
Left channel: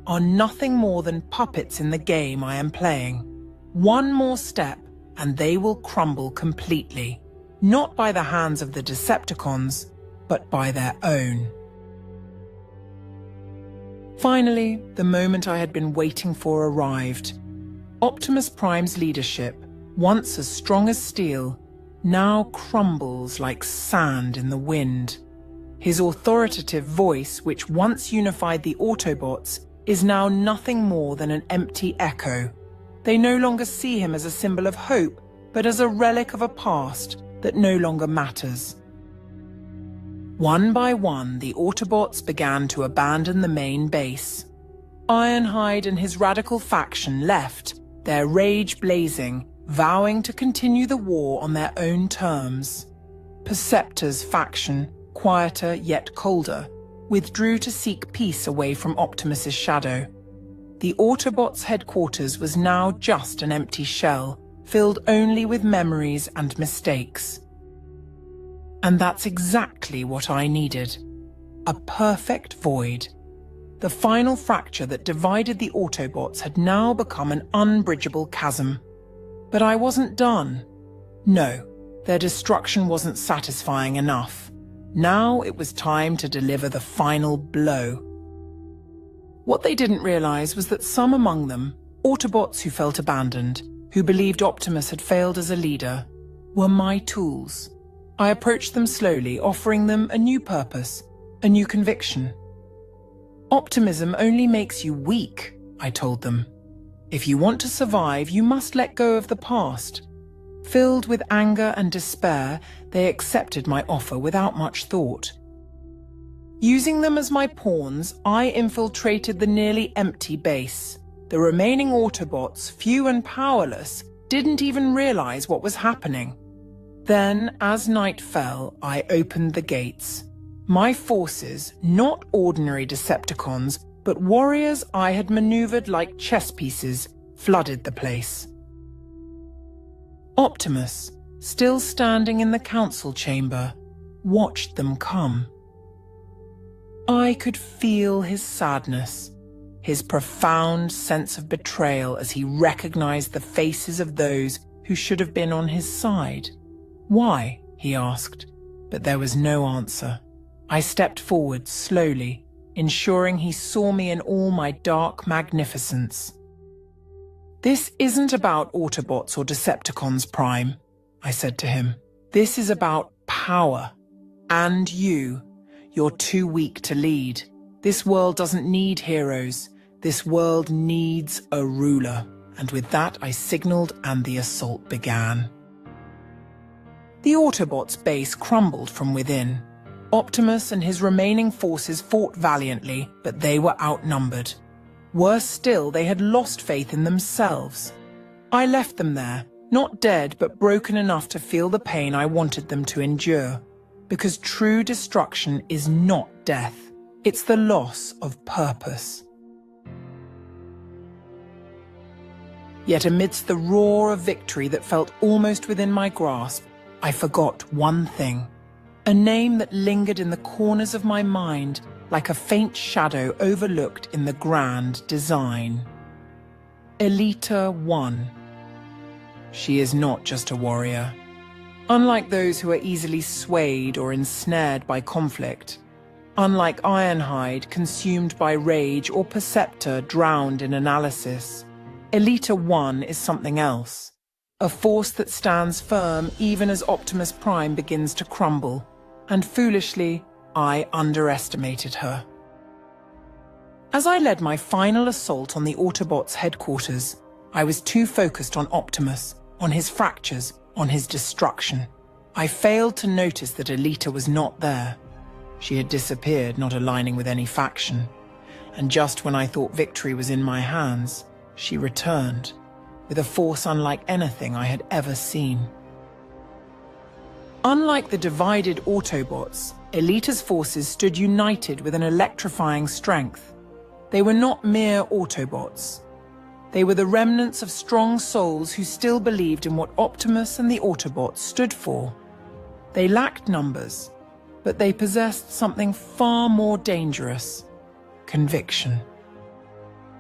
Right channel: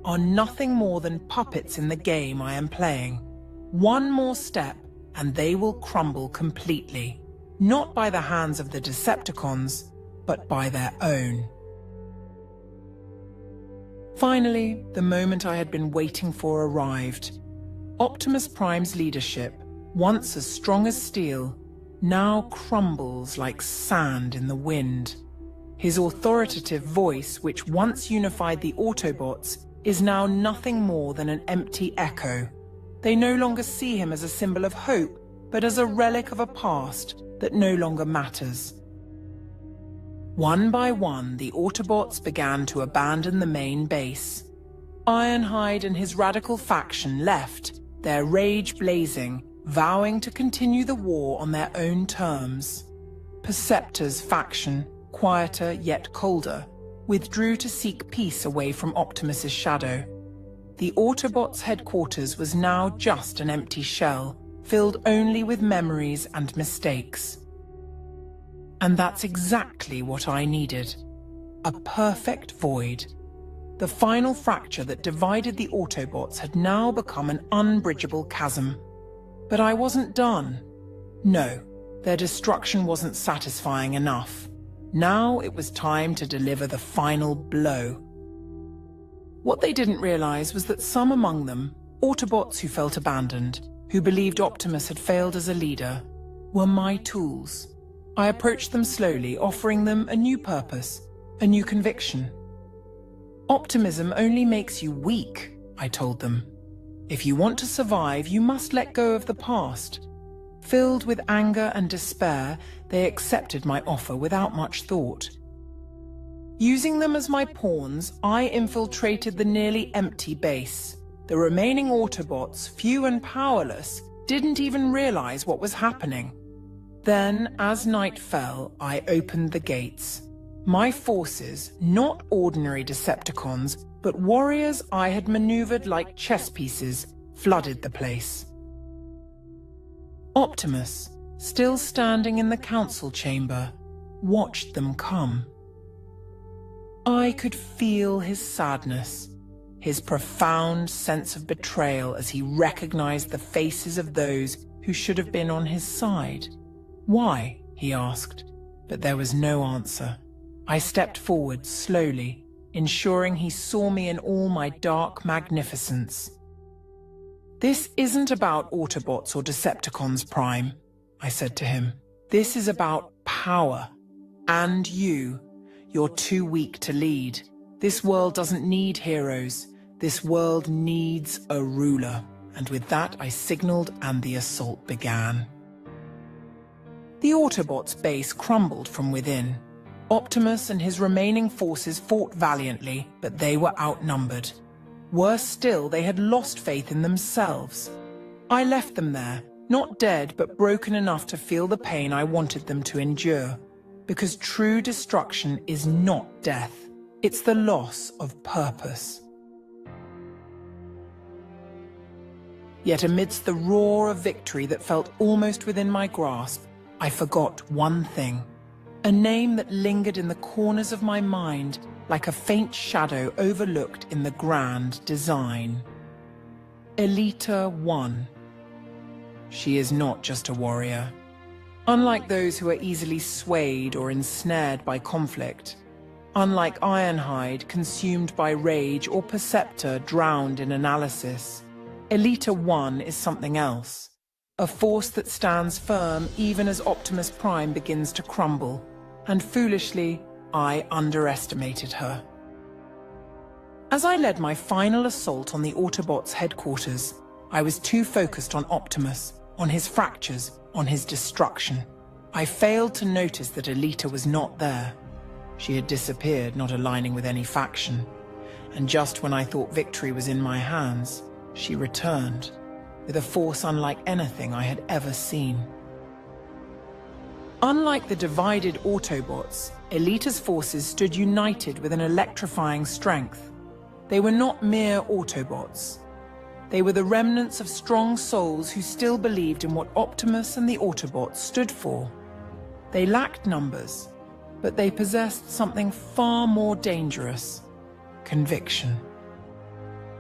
are nothing more than puppets in the game I am playing. One more step, and they will crumble completely. Not by the hands of the Decepticons, but by their own. Finally, the moment I had been waiting for arrived. Optimus Prime's leadership, once as strong as steel, now crumbles like sand in the wind. His authoritative voice, which once unified the Autobots, is now nothing more than an empty echo. They no longer see him as a symbol of hope, but as a relic of a past that no longer matters. One by one, the Autobots began to abandon the main base. Ironhide and his radical faction left, their rage blazing, vowing to continue the war on their own terms. Perceptor's faction, quieter yet colder, withdrew to seek peace away from Optimus's shadow. The Autobots' headquarters was now just an empty shell, filled only with memories and mistakes. And that's exactly what I needed. A perfect void. The final fracture that divided the Autobots had now become an unbridgeable chasm. But I wasn't done. No, their destruction wasn't satisfying enough. Now it was time to deliver the final blow. What they didn't realize was that some among them, Autobots who felt abandoned, who believed Optimus had failed as a leader, were my tools. I approached them slowly, offering them a new purpose, a new conviction. Optimism only makes you weak, I told them. If you want to survive, you must let go of the past. Filled with anger and despair, they accepted my offer without much thought. Using them as my pawns, I infiltrated the nearly empty base. The remaining Autobots, few and powerless, didn't even realize what was happening. Then, as night fell, I opened the gates. My forces, not ordinary Decepticons, but warriors I had maneuvered like chess pieces, flooded the place. Optimus, still standing in the council chamber, watched them come. I could feel his sadness, his profound sense of betrayal as he recognized the faces of those who should have been on his side. Why? He asked, but there was no answer. I stepped forward slowly, ensuring he saw me in all my dark magnificence. This isn't about Autobots or Decepticons, Prime, I said to him. This is about power. And you. You're too weak to lead. This world doesn't need heroes. This world needs a ruler. And with that, I signaled and the assault began. The Autobots' base crumbled from within. Optimus and his remaining forces fought valiantly, but they were outnumbered. Worse still, they had lost faith in themselves. I left them there, not dead, but broken enough to feel the pain I wanted them to endure. Because true destruction is not death. It's the loss of purpose. Yet amidst the roar of victory that felt almost within my grasp, I forgot one thing. A name that lingered in the corners of my mind like a faint shadow overlooked in the grand design. Elita 1. She is not just a warrior. Unlike those who are easily swayed or ensnared by conflict, unlike Ironhide consumed by rage or Perceptor drowned in analysis, Elita 1 is something else. A force that stands firm even as Optimus Prime begins to crumble. And foolishly, I underestimated her. As I led my final assault on the Autobots' headquarters, I was too focused on Optimus, on his fractures, on his destruction. I failed to notice that Elita was not there. She had disappeared, not aligning with any faction. And just when I thought victory was in my hands, she returned, with a force unlike anything I had ever seen. Unlike the divided Autobots, Elita's forces stood united with an electrifying strength. They were not mere Autobots. They were the remnants of strong souls who still believed in what Optimus and the Autobots stood for. They lacked numbers, but they possessed something far more dangerous: conviction.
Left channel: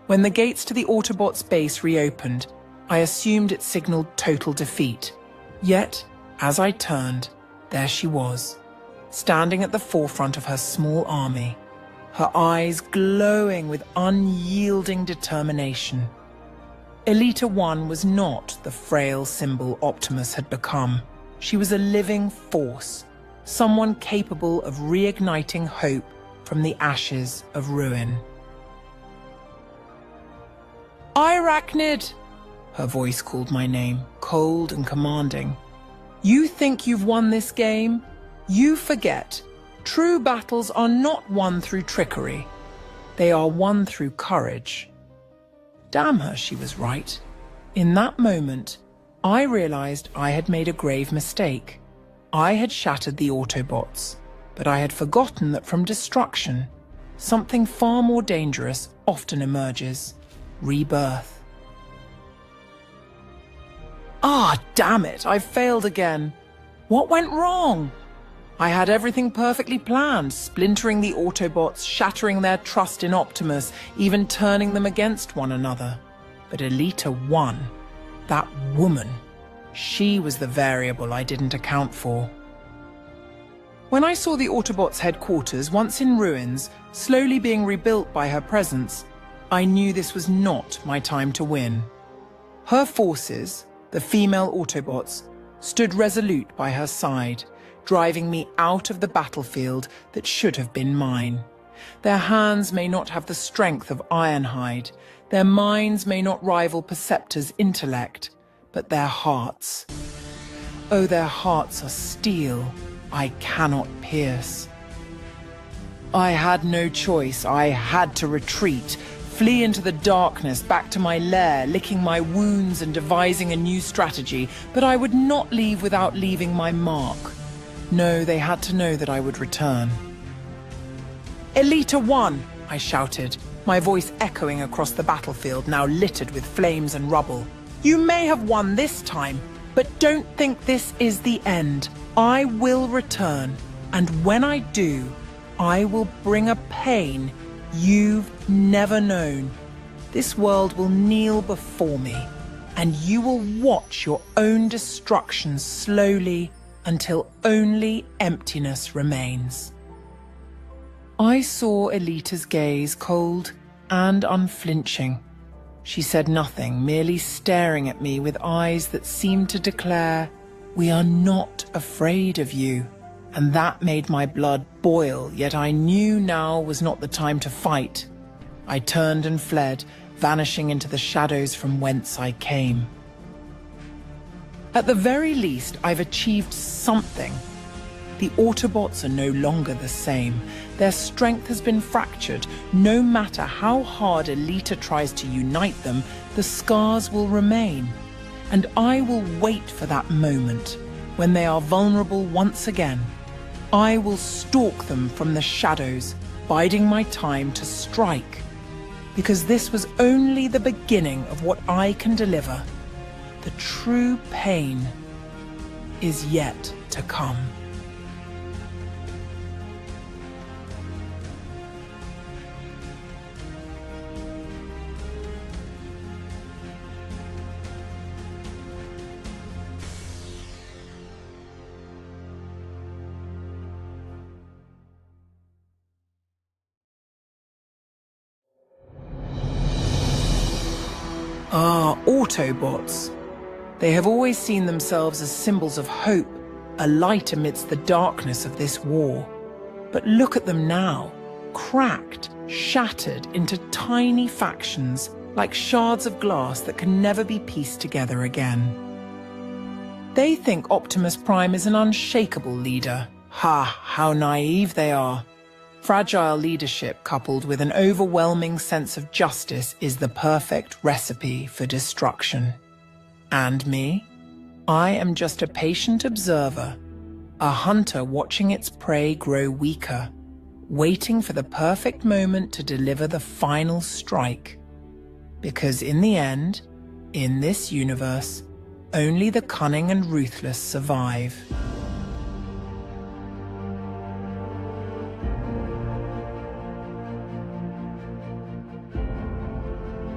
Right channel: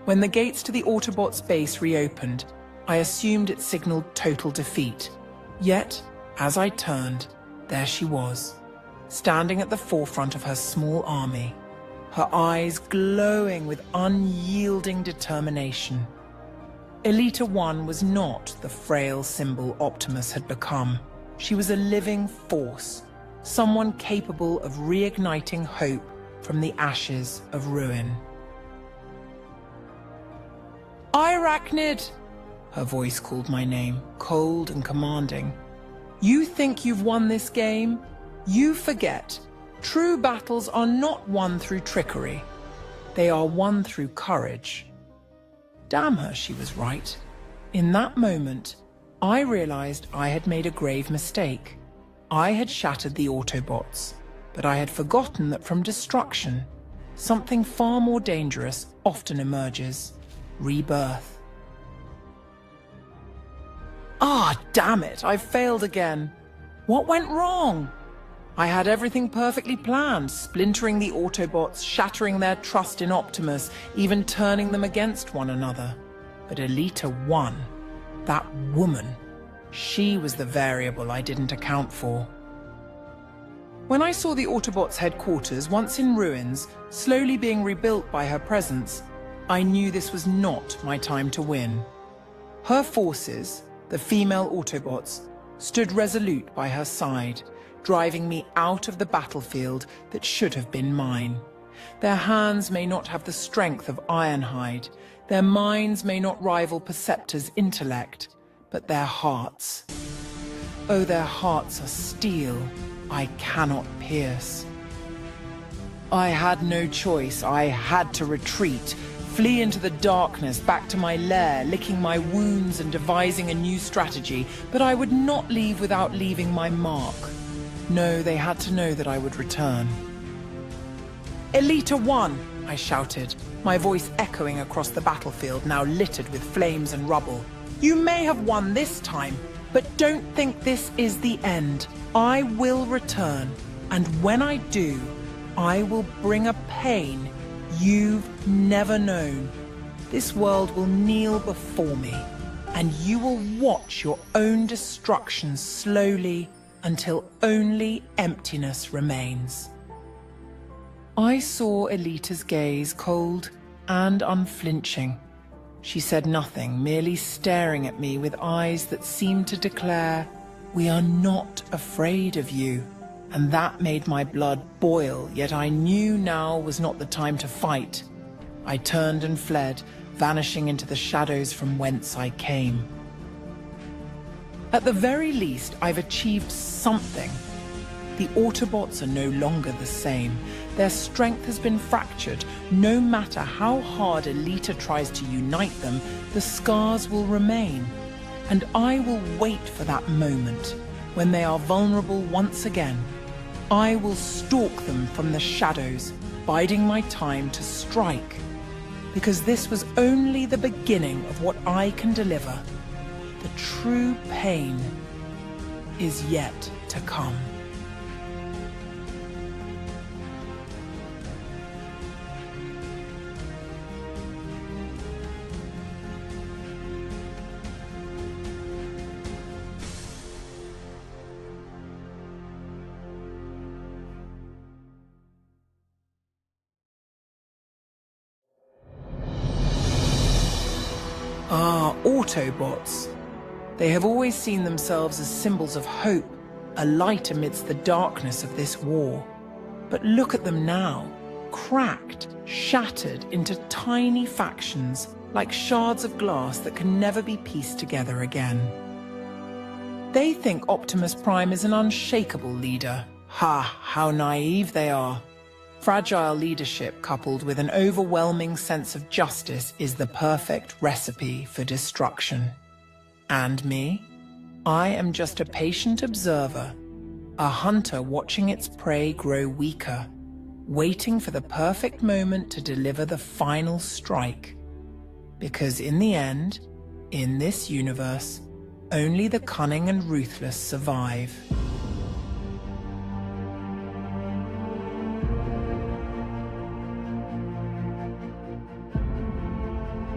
When the gates to the Autobots' base reopened, I assumed it signaled total defeat. Yet, as I turned, there she was, standing at the forefront of her small army, her eyes glowing with unyielding determination. Elita 1 was not the frail symbol Optimus had become. She was a living force, someone capable of reigniting hope from the ashes of ruin. Airachnid! Her voice called my name, cold and commanding. You think you've won this game? You forget. True battles are not won through trickery. They are won through courage. Damn her, she was right. In that moment, I realized I had made a grave mistake. I had shattered the Autobots, but I had forgotten that from destruction, something far more dangerous often emerges: rebirth. Ah, damn it, I failed again. What went wrong? I had everything perfectly planned, splintering the Autobots, shattering their trust in Optimus, even turning them against one another. But Elita 1, that woman, she was the variable I didn't account for. When I saw the Autobots' headquarters, once in ruins, slowly being rebuilt by her presence, I knew this was not my time to win. Her forces, the female Autobots, stood resolute by her side, driving me out of the battlefield that should have been mine. Their hands may not have the strength of Ironhide, their minds may not rival Perceptor's intellect, but their hearts. Oh, their hearts are steel I cannot pierce. I had no choice. I had to retreat, flee into the darkness, back to my lair, licking my wounds and devising a new strategy, but I would not leave without leaving my mark. No, they had to know that I would return. Elita 1, I shouted, my voice echoing across the battlefield, now littered with flames and rubble. You may have won this time, but don't think this is the end. I will return, and when I do, I will bring a pain you've never known. This world will kneel before me, and you will watch your own destruction slowly until only emptiness remains. I saw Elita's gaze, cold and unflinching. She said nothing, merely staring at me with eyes that seemed to declare, "We are not afraid of you." And that made my blood boil, yet I knew now was not the time to fight. I turned and fled, vanishing into the shadows from whence I came. At the very least, I've achieved something. The Autobots are no longer the same. Their strength has been fractured. No matter how hard Elita tries to unite them, the scars will remain. And I will wait for that moment, when they are vulnerable once again. I will stalk them from the shadows, biding my time to strike. Because this was only the beginning of what I can deliver. The true pain is yet to come. Ah, Autobots. They have always seen themselves as symbols of hope, a light amidst the darkness of this war. But look at them now, cracked, shattered into tiny factions, like shards of glass that can never be pieced together again. They think Optimus Prime is an unshakable leader. Ha, how naive they are. Fragile leadership coupled with an overwhelming sense of justice is the perfect recipe for destruction. And me? I am just a patient observer, a hunter watching its prey grow weaker, waiting for the perfect moment to deliver the final strike. Because in the end, in this universe, only the cunning and ruthless survive.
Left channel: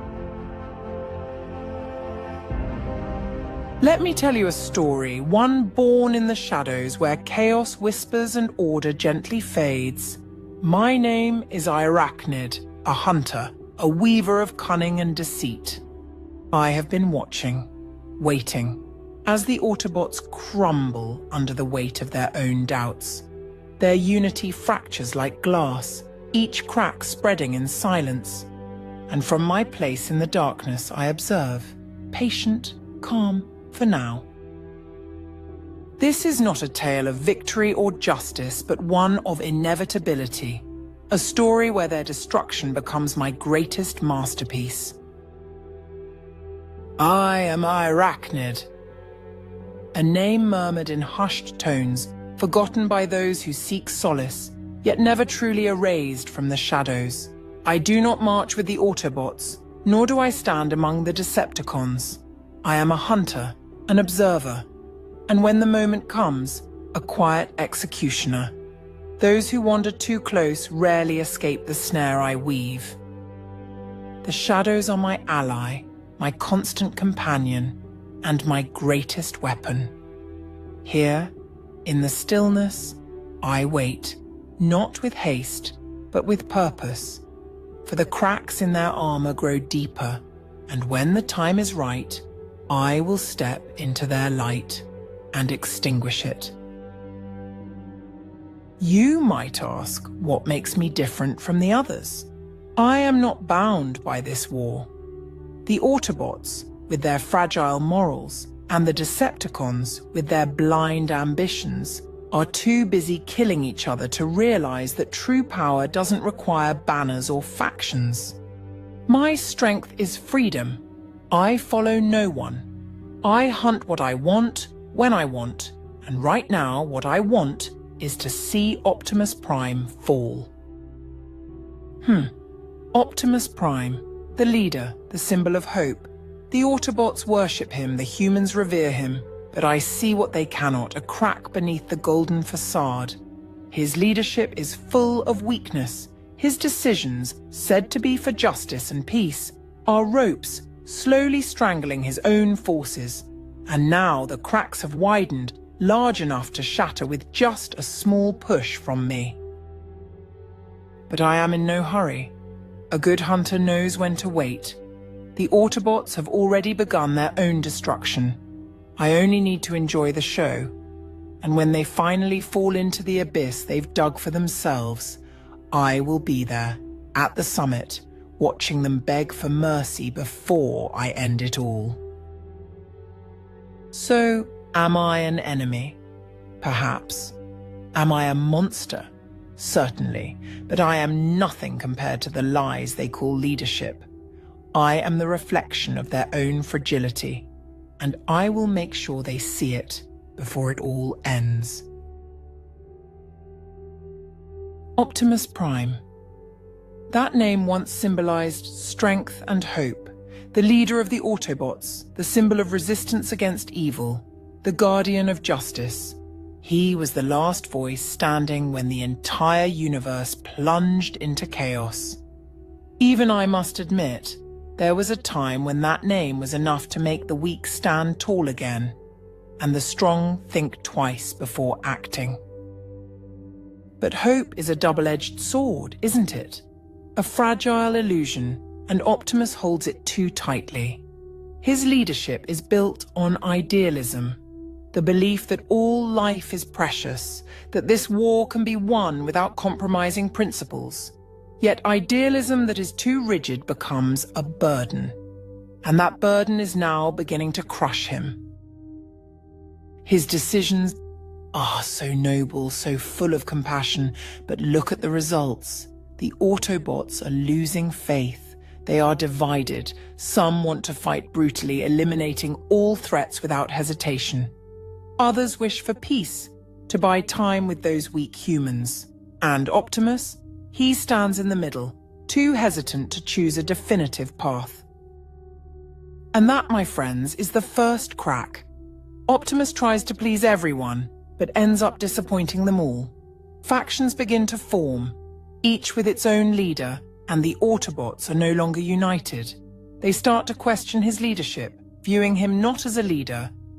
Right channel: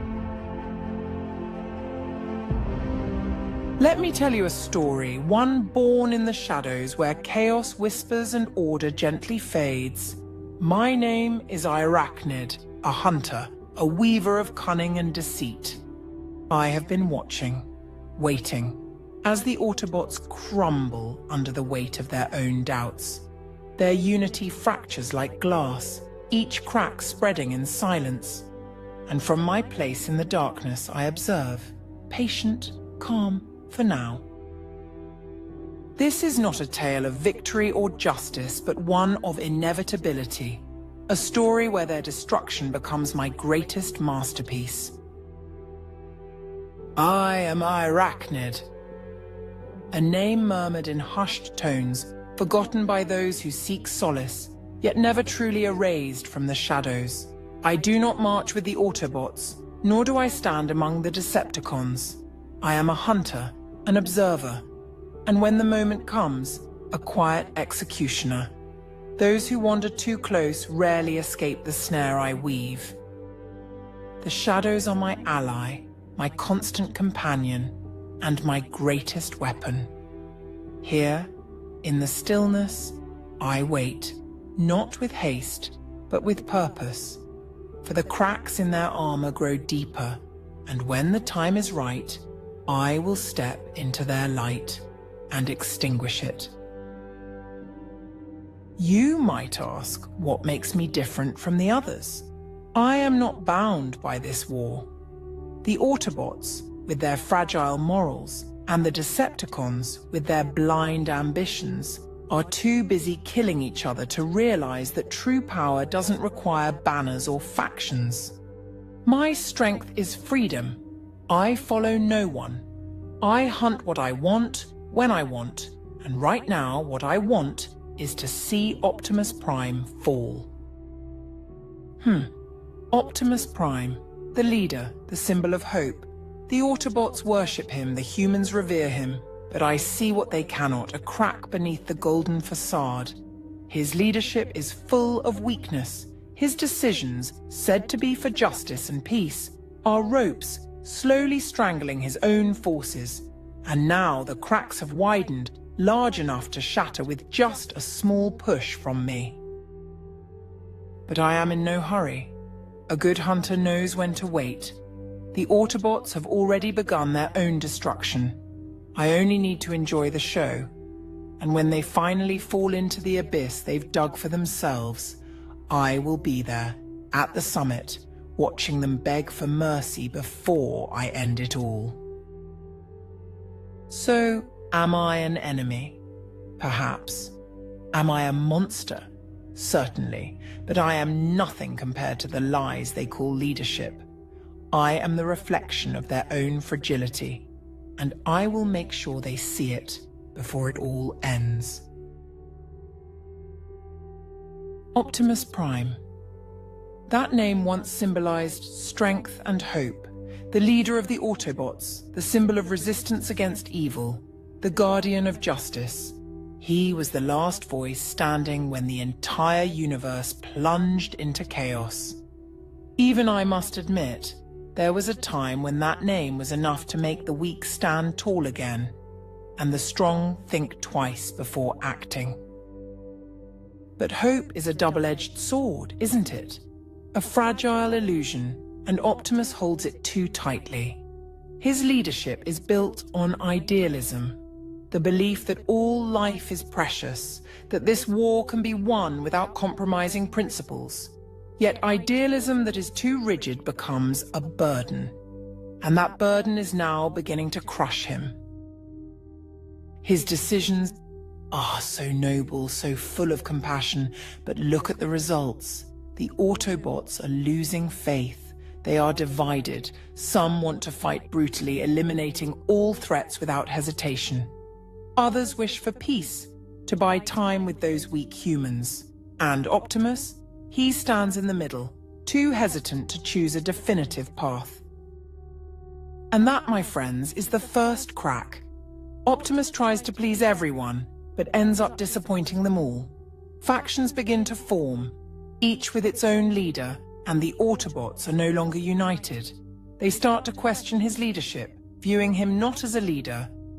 Let me tell you a story, one born in the shadows where chaos whispers and order gently fades. My name is Airachnid, a hunter, a weaver of cunning and deceit. I have been watching, waiting, as the Autobots crumble under the weight of their own doubts. Their unity fractures like glass, each crack spreading in silence. And from my place in the darkness I observe, patient, calm, for now. This is not a tale of victory or justice, but one of inevitability. A story where their destruction becomes my greatest masterpiece. I am Airachnid, a name murmured in hushed tones, forgotten by those who seek solace, yet never truly erased from the shadows. I do not march with the Autobots, nor do I stand among the Decepticons. I am a hunter, an observer, and when the moment comes, a quiet executioner. Those who wander too close rarely escape the snare I weave. The shadows are my ally, my constant companion, and my greatest weapon. Here, in the stillness, I wait, not with haste, but with purpose, for the cracks in their armor grow deeper, and when the time is right, I will step into their light and extinguish it. You might ask what makes me different from the others. I am not bound by this war. The Autobots, with their fragile morals, and the Decepticons, with their blind ambitions, are too busy killing each other to realize that true power doesn't require banners or factions. My strength is freedom. I follow no one. I hunt what I want, when I want, and right now what I want is to see Optimus Prime fall. Optimus Prime, the leader, the symbol of hope. The Autobots worship him, the humans revere him, but I see what they cannot, a crack beneath the golden facade. His leadership is full of weakness. His decisions, said to be for justice and peace, are ropes slowly strangling his own forces. And now the cracks have widened, large enough to shatter with just a small push from me. But I am in no hurry. A good hunter knows when to wait. The Autobots have already begun their own destruction. I only need to enjoy the show. And when they finally fall into the abyss they've dug for themselves, I will be there, at the summit, watching them beg for mercy before I end it all. So, am I an enemy? Perhaps. Am I a monster? Certainly, but I am nothing compared to the lies they call leadership. I am the reflection of their own fragility, and I will make sure they see it before it all ends. Optimus Prime. That name once symbolized strength and hope, the leader of the Autobots, the symbol of resistance against evil, the guardian of justice. He was the last voice standing when the entire universe plunged into chaos. Even I must admit, there was a time when that name was enough to make the weak stand tall again, and the strong think twice before acting. But hope is a double-edged sword, isn't it? A fragile illusion, and Optimus holds it too tightly. His leadership is built on idealism, the belief that all life is precious, that this war can be won without compromising principles. Yet idealism that is too rigid becomes a burden, and that burden is now beginning to crush him. His decisions are so noble, so full of compassion, but look at the results. The Autobots are losing faith. They are divided. Some want to fight brutally, eliminating all threats without hesitation. Others wish for peace, to buy time with those weak humans. And Optimus? He stands in the middle, too hesitant to choose a definitive path. And that, my friends, is the first crack. Optimus tries to please everyone, but ends up disappointing them all. Factions begin to form, each with its own leader, and the Autobots are no longer united. They start to question his leadership, viewing him not as a leader,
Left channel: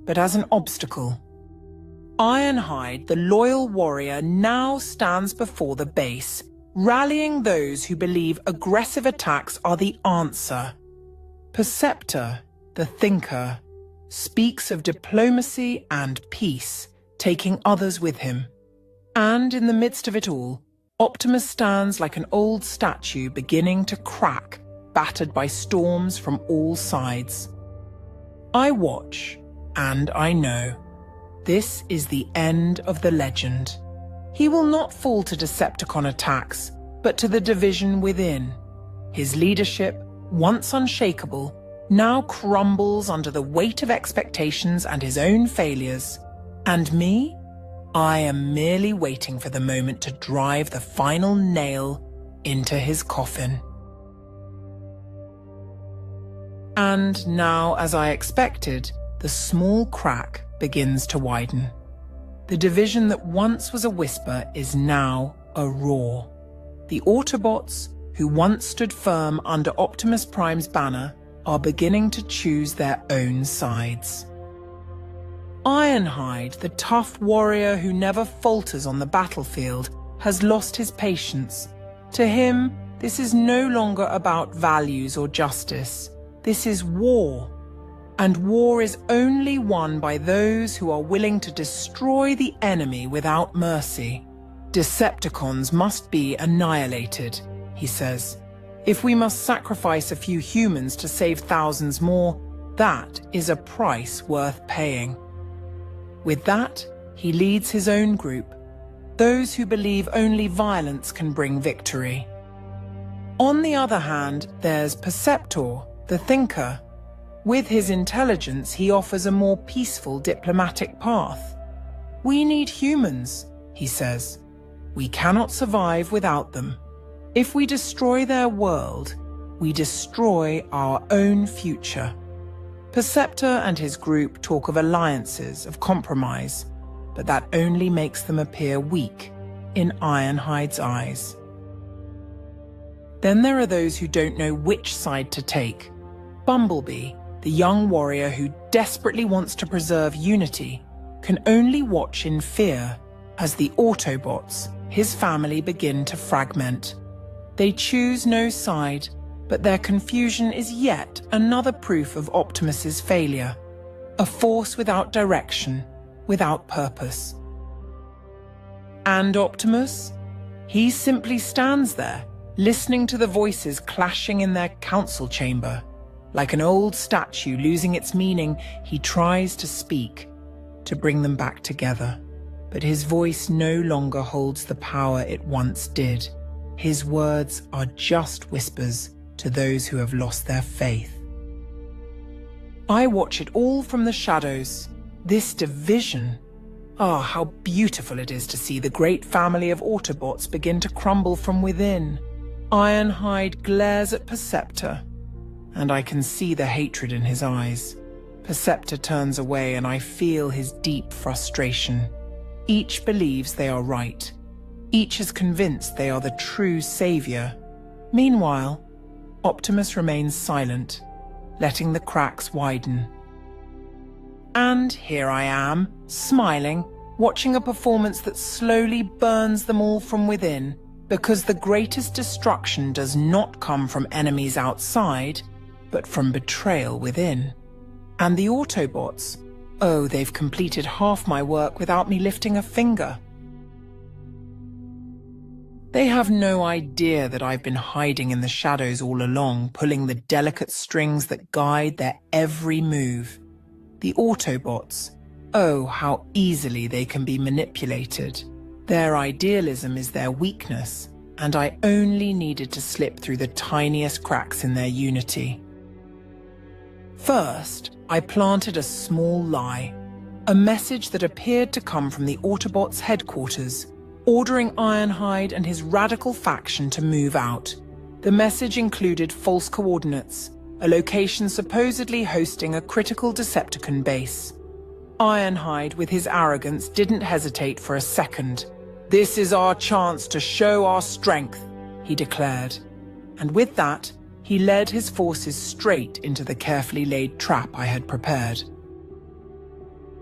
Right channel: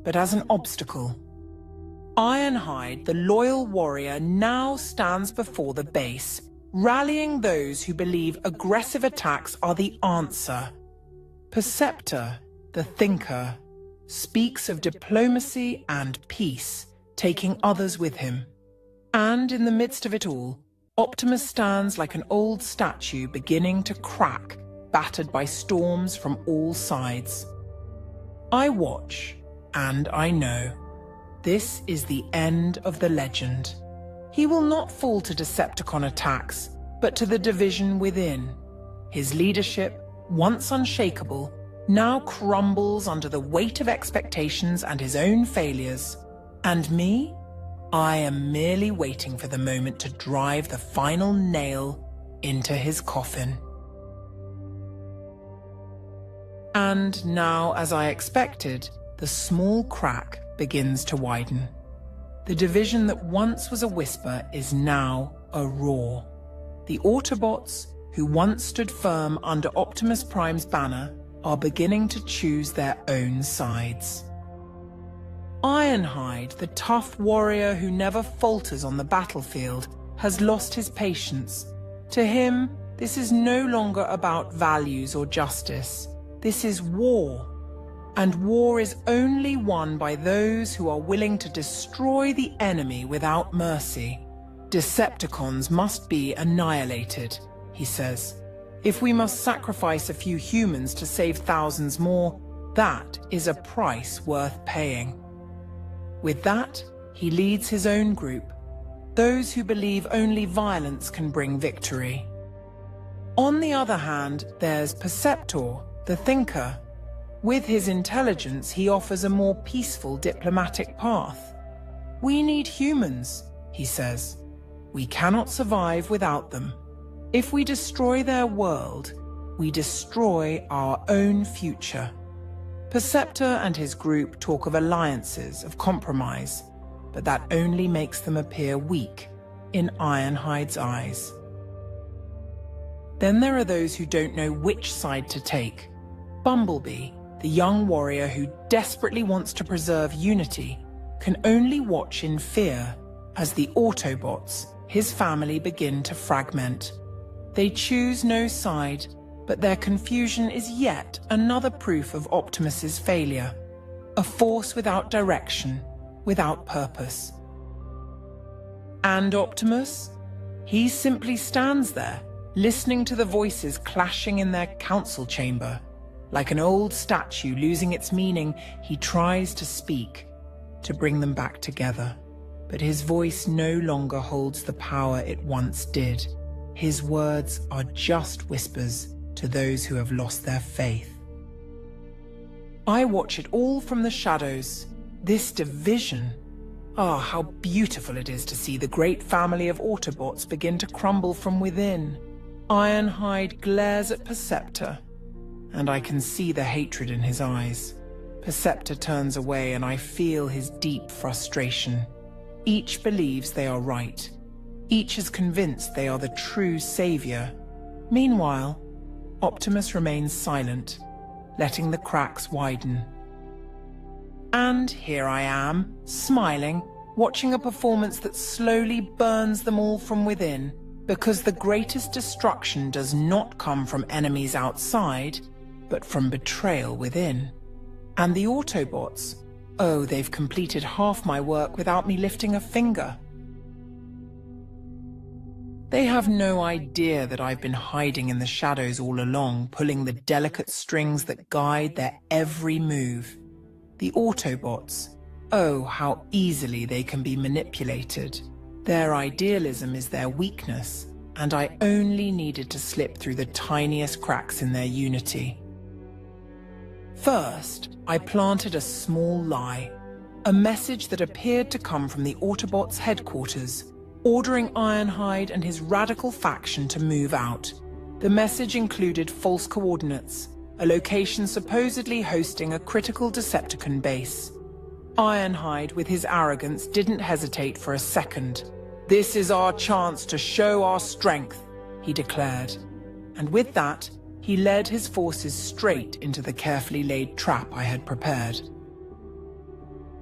but as an obstacle. Ironhide, the loyal warrior, now stands before the base, rallying those who believe aggressive attacks are the answer. Perceptor, the thinker, speaks of diplomacy and peace, taking others with him. And in the midst of it all, Optimus stands like an old statue beginning to crack, battered by storms from all sides. I watch, and I know. This is the end of the legend. He will not fall to Decepticon attacks, but to the division within. His leadership, once unshakable, now crumbles under the weight of expectations and his own failures. And me? I am merely waiting for the moment to drive the final nail into his coffin. And now, as I expected, the small crack begins to widen. The division that once was a whisper is now a roar. The Autobots, who once stood firm under Optimus Prime's banner, are beginning to choose their own sides. Ironhide, the tough warrior who never falters on the battlefield, has lost his patience. To him, this is no longer about values or justice. This is war. And war is only won by those who are willing to destroy the enemy without mercy. Decepticons must be annihilated, he says. If we must sacrifice a few humans to save thousands more, that is a price worth paying. With that, he leads his own group, those who believe only violence can bring victory. On the other hand, there's Perceptor, the thinker. With his intelligence, he offers a more peaceful diplomatic path. We need humans, he says. We cannot survive without them. If we destroy their world, we destroy our own future. Perceptor and his group talk of alliances, of compromise, but that only makes them appear weak in Ironhide's eyes. Then there are those who don't know which side to take. Bumblebee, the young warrior who desperately wants to preserve unity, can only watch in fear as the Autobots, his family, begin to fragment. They choose no side, but their confusion is yet another proof of Optimus's failure. A force without direction, without purpose. And Optimus? He simply stands there, listening to the voices clashing in their council chamber. Like an old statue losing its meaning, he tries to speak, to bring them back together. But his voice no longer holds the power it once did. His words are just whispers to those who have lost their faith. I watch it all from the shadows. This division. Ah, how beautiful it is to see the great family of Autobots begin to crumble from within. Ironhide glares at Perceptor, and I can see the hatred in his eyes. Perceptor turns away and I feel his deep frustration. Each believes they are right. Each is convinced they are the true savior. Meanwhile, Optimus remains silent, letting the cracks widen. And here I am, smiling, watching a performance that slowly burns them all from within, because the greatest destruction does not come from enemies outside, but from betrayal within. And the Autobots, oh, they've completed half my work without me lifting a finger. They have no idea that I've been hiding in the shadows all along, pulling the delicate strings that guide their every move. The Autobots, oh, how easily they can be manipulated. Their idealism is their weakness, and I only needed to slip through the tiniest cracks in their unity. First, I planted a small lie, a message that appeared to come from the Autobots' headquarters, ordering Ironhide and his radical faction to move out. The message included false coordinates, a location supposedly hosting a critical Decepticon base. Ironhide, with his arrogance, didn't hesitate for a second. "This is our chance to show our strength," he declared. And with that, he led his forces straight into the carefully laid trap I had prepared.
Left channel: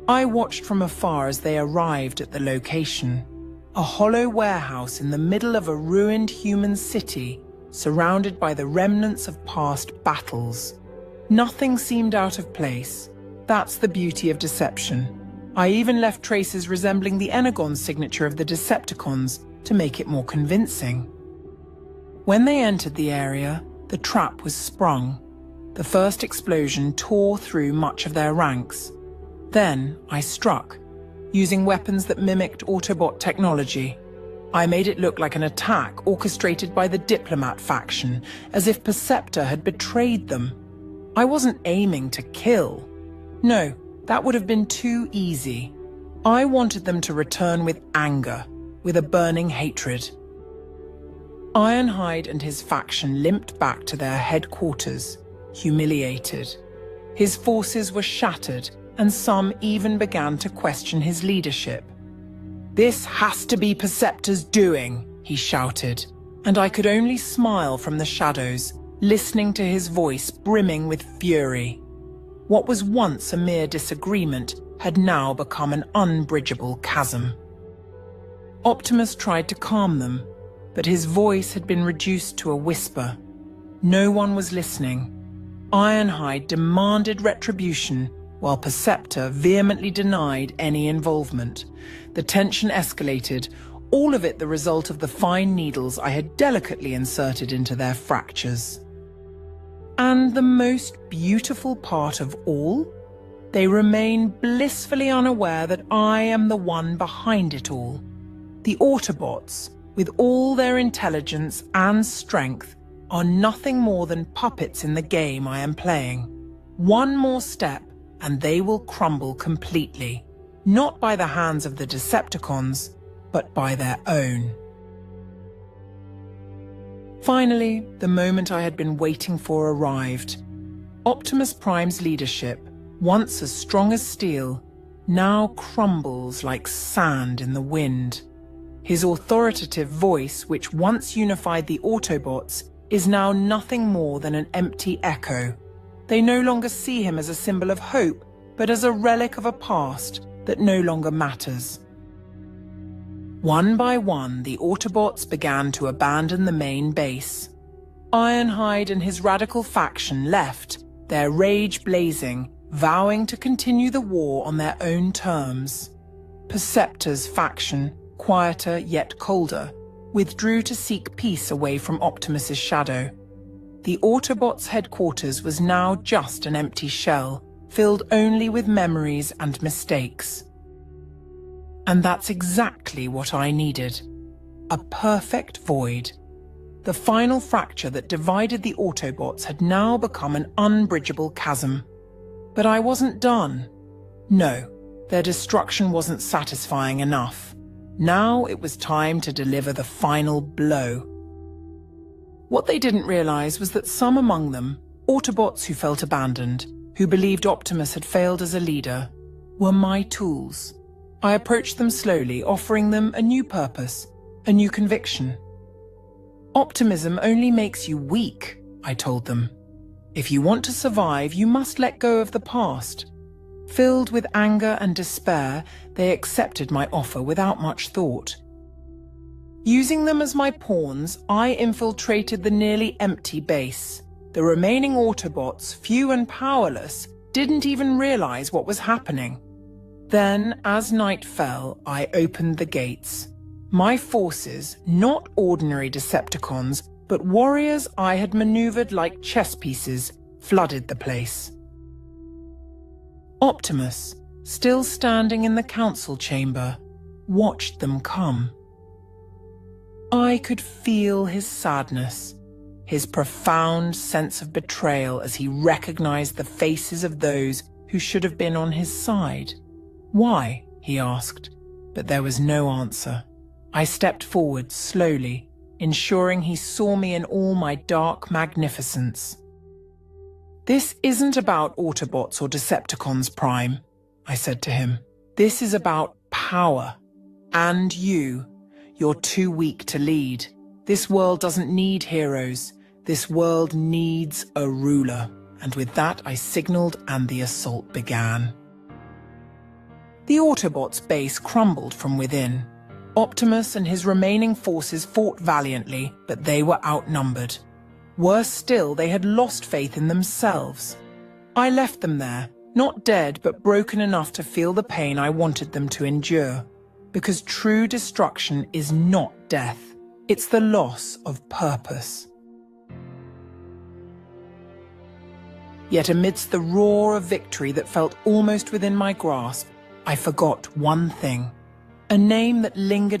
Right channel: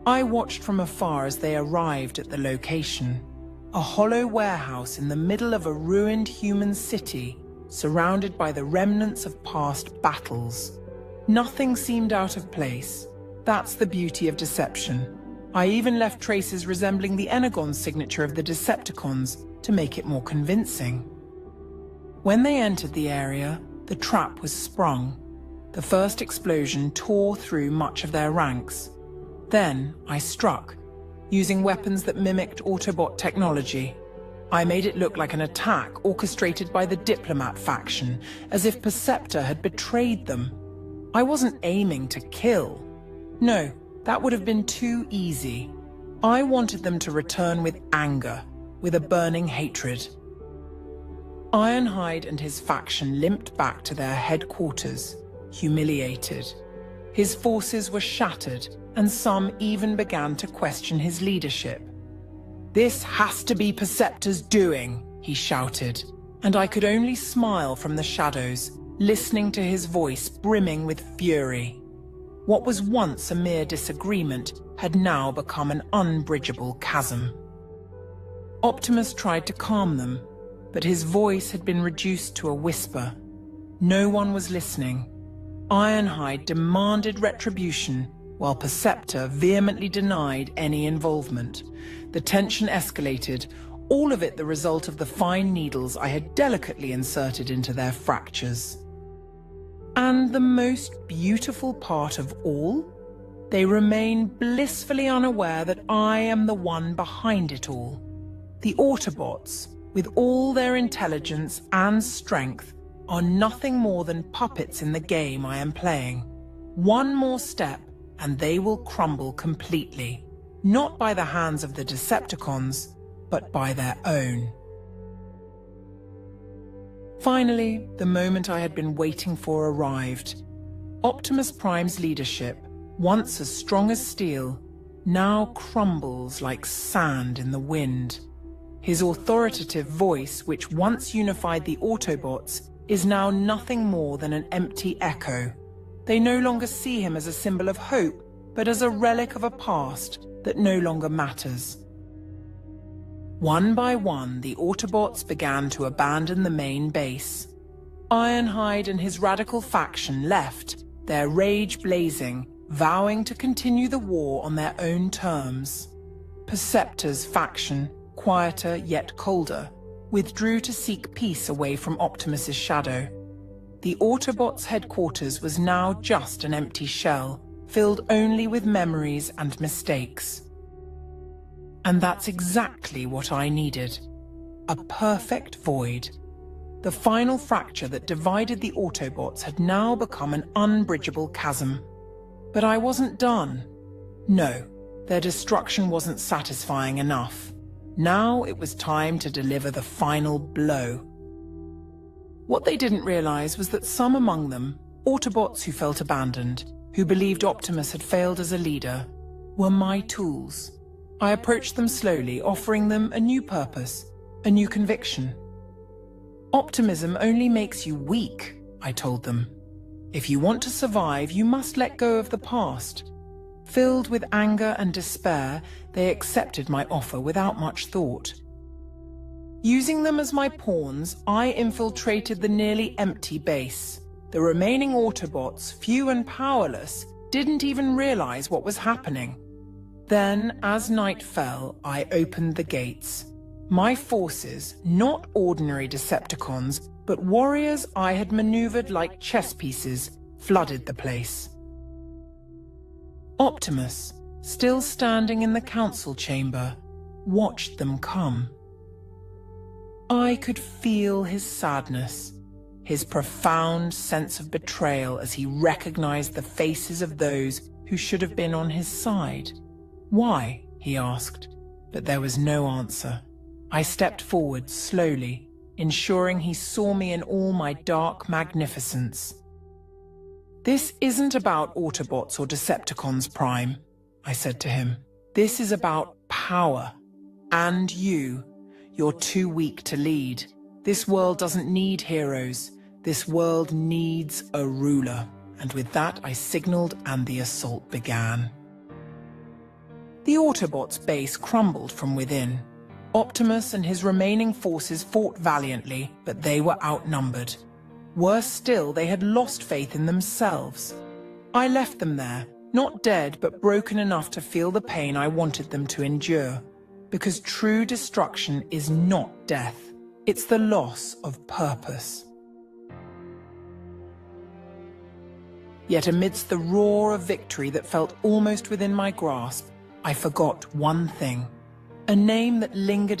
I watched from afar as they arrived at the location, a hollow warehouse in the middle of a ruined human city, surrounded by the remnants of past battles. Nothing seemed out of place. That's the beauty of deception. I even left traces resembling the Energon signature of the Decepticons to make it more convincing. When they entered the area, the trap was sprung. The first explosion tore through much of their ranks. Then I struck, using weapons that mimicked Autobot technology. I made it look like an attack orchestrated by the Diplomat faction, as if Perceptor had betrayed them. I wasn't aiming to kill. No, that would have been too easy. I wanted them to return with anger, with a burning hatred. Ironhide and his faction limped back to their headquarters, humiliated. His forces were shattered, and some even began to question his leadership. "This has to be Perceptor's doing," he shouted, and I could only smile from the shadows, listening to his voice brimming with fury. What was once a mere disagreement had now become an unbridgeable chasm. Optimus tried to calm them, but his voice had been reduced to a whisper. No one was listening. Ironhide demanded retribution, while Perceptor vehemently denied any involvement. The tension escalated, all of it the result of the fine needles I had delicately inserted into their fractures. And the most beautiful part of all? They remain blissfully unaware that I am the one behind it all. The Autobots, with all their intelligence and strength, are nothing more than puppets in the game I am playing. One more step, and they will crumble completely, not by the hands of the Decepticons, but by their own. Finally, the moment I had been waiting for arrived. Optimus Prime's leadership, once as strong as steel, now crumbles like sand in the wind. His authoritative voice, which once unified the Autobots, is now nothing more than an empty echo. They no longer see him as a symbol of hope, but as a relic of a past that no longer matters. One by one, the Autobots began to abandon the main base. Ironhide and his radical faction left, their rage blazing, vowing to continue the war on their own terms. Perceptor's faction, quieter yet colder, withdrew to seek peace away from Optimus's shadow. The Autobots' headquarters was now just an empty shell, filled only with memories and mistakes. And that's exactly what I needed. A perfect void. The final fracture that divided the Autobots had now become an unbridgeable chasm. But I wasn't done. No, their destruction wasn't satisfying enough. Now it was time to deliver the final blow. What they didn't realize was that some among them, Autobots who felt abandoned, who believed Optimus had failed as a leader, were my tools. I approached them slowly, offering them a new purpose, a new conviction. Optimism only makes you weak, I told them. If you want to survive, you must let go of the past. Filled with anger and despair, they accepted my offer without much thought. Using them as my pawns, I infiltrated the nearly empty base. The remaining Autobots, few and powerless, didn't even realize what was happening. Then, as night fell, I opened the gates. My forces, not ordinary Decepticons, but warriors I had maneuvered like chess pieces, flooded the place. Optimus, still standing in the council chamber, watched them come. I could feel his sadness, his profound sense of betrayal as he recognized the faces of those who should have been on his side. "Why?" he asked, but there was no answer. I stepped forward slowly, ensuring he saw me in all my dark magnificence. "This isn't about Autobots or Decepticons, Prime," I said to him. "This is about power. And you. You're too weak to lead. This world doesn't need heroes. This world needs a ruler." And with that I signaled and the assault began. The Autobots' base crumbled from within. Optimus and his remaining forces fought valiantly, but they were outnumbered. Worse still, they had lost faith in themselves. I left them there, not dead, but broken enough to feel the pain I wanted them to endure. Because true destruction is not death. It's the loss of purpose. Yet amidst the roar of victory that felt almost within my grasp, I forgot one thing. A name that lingered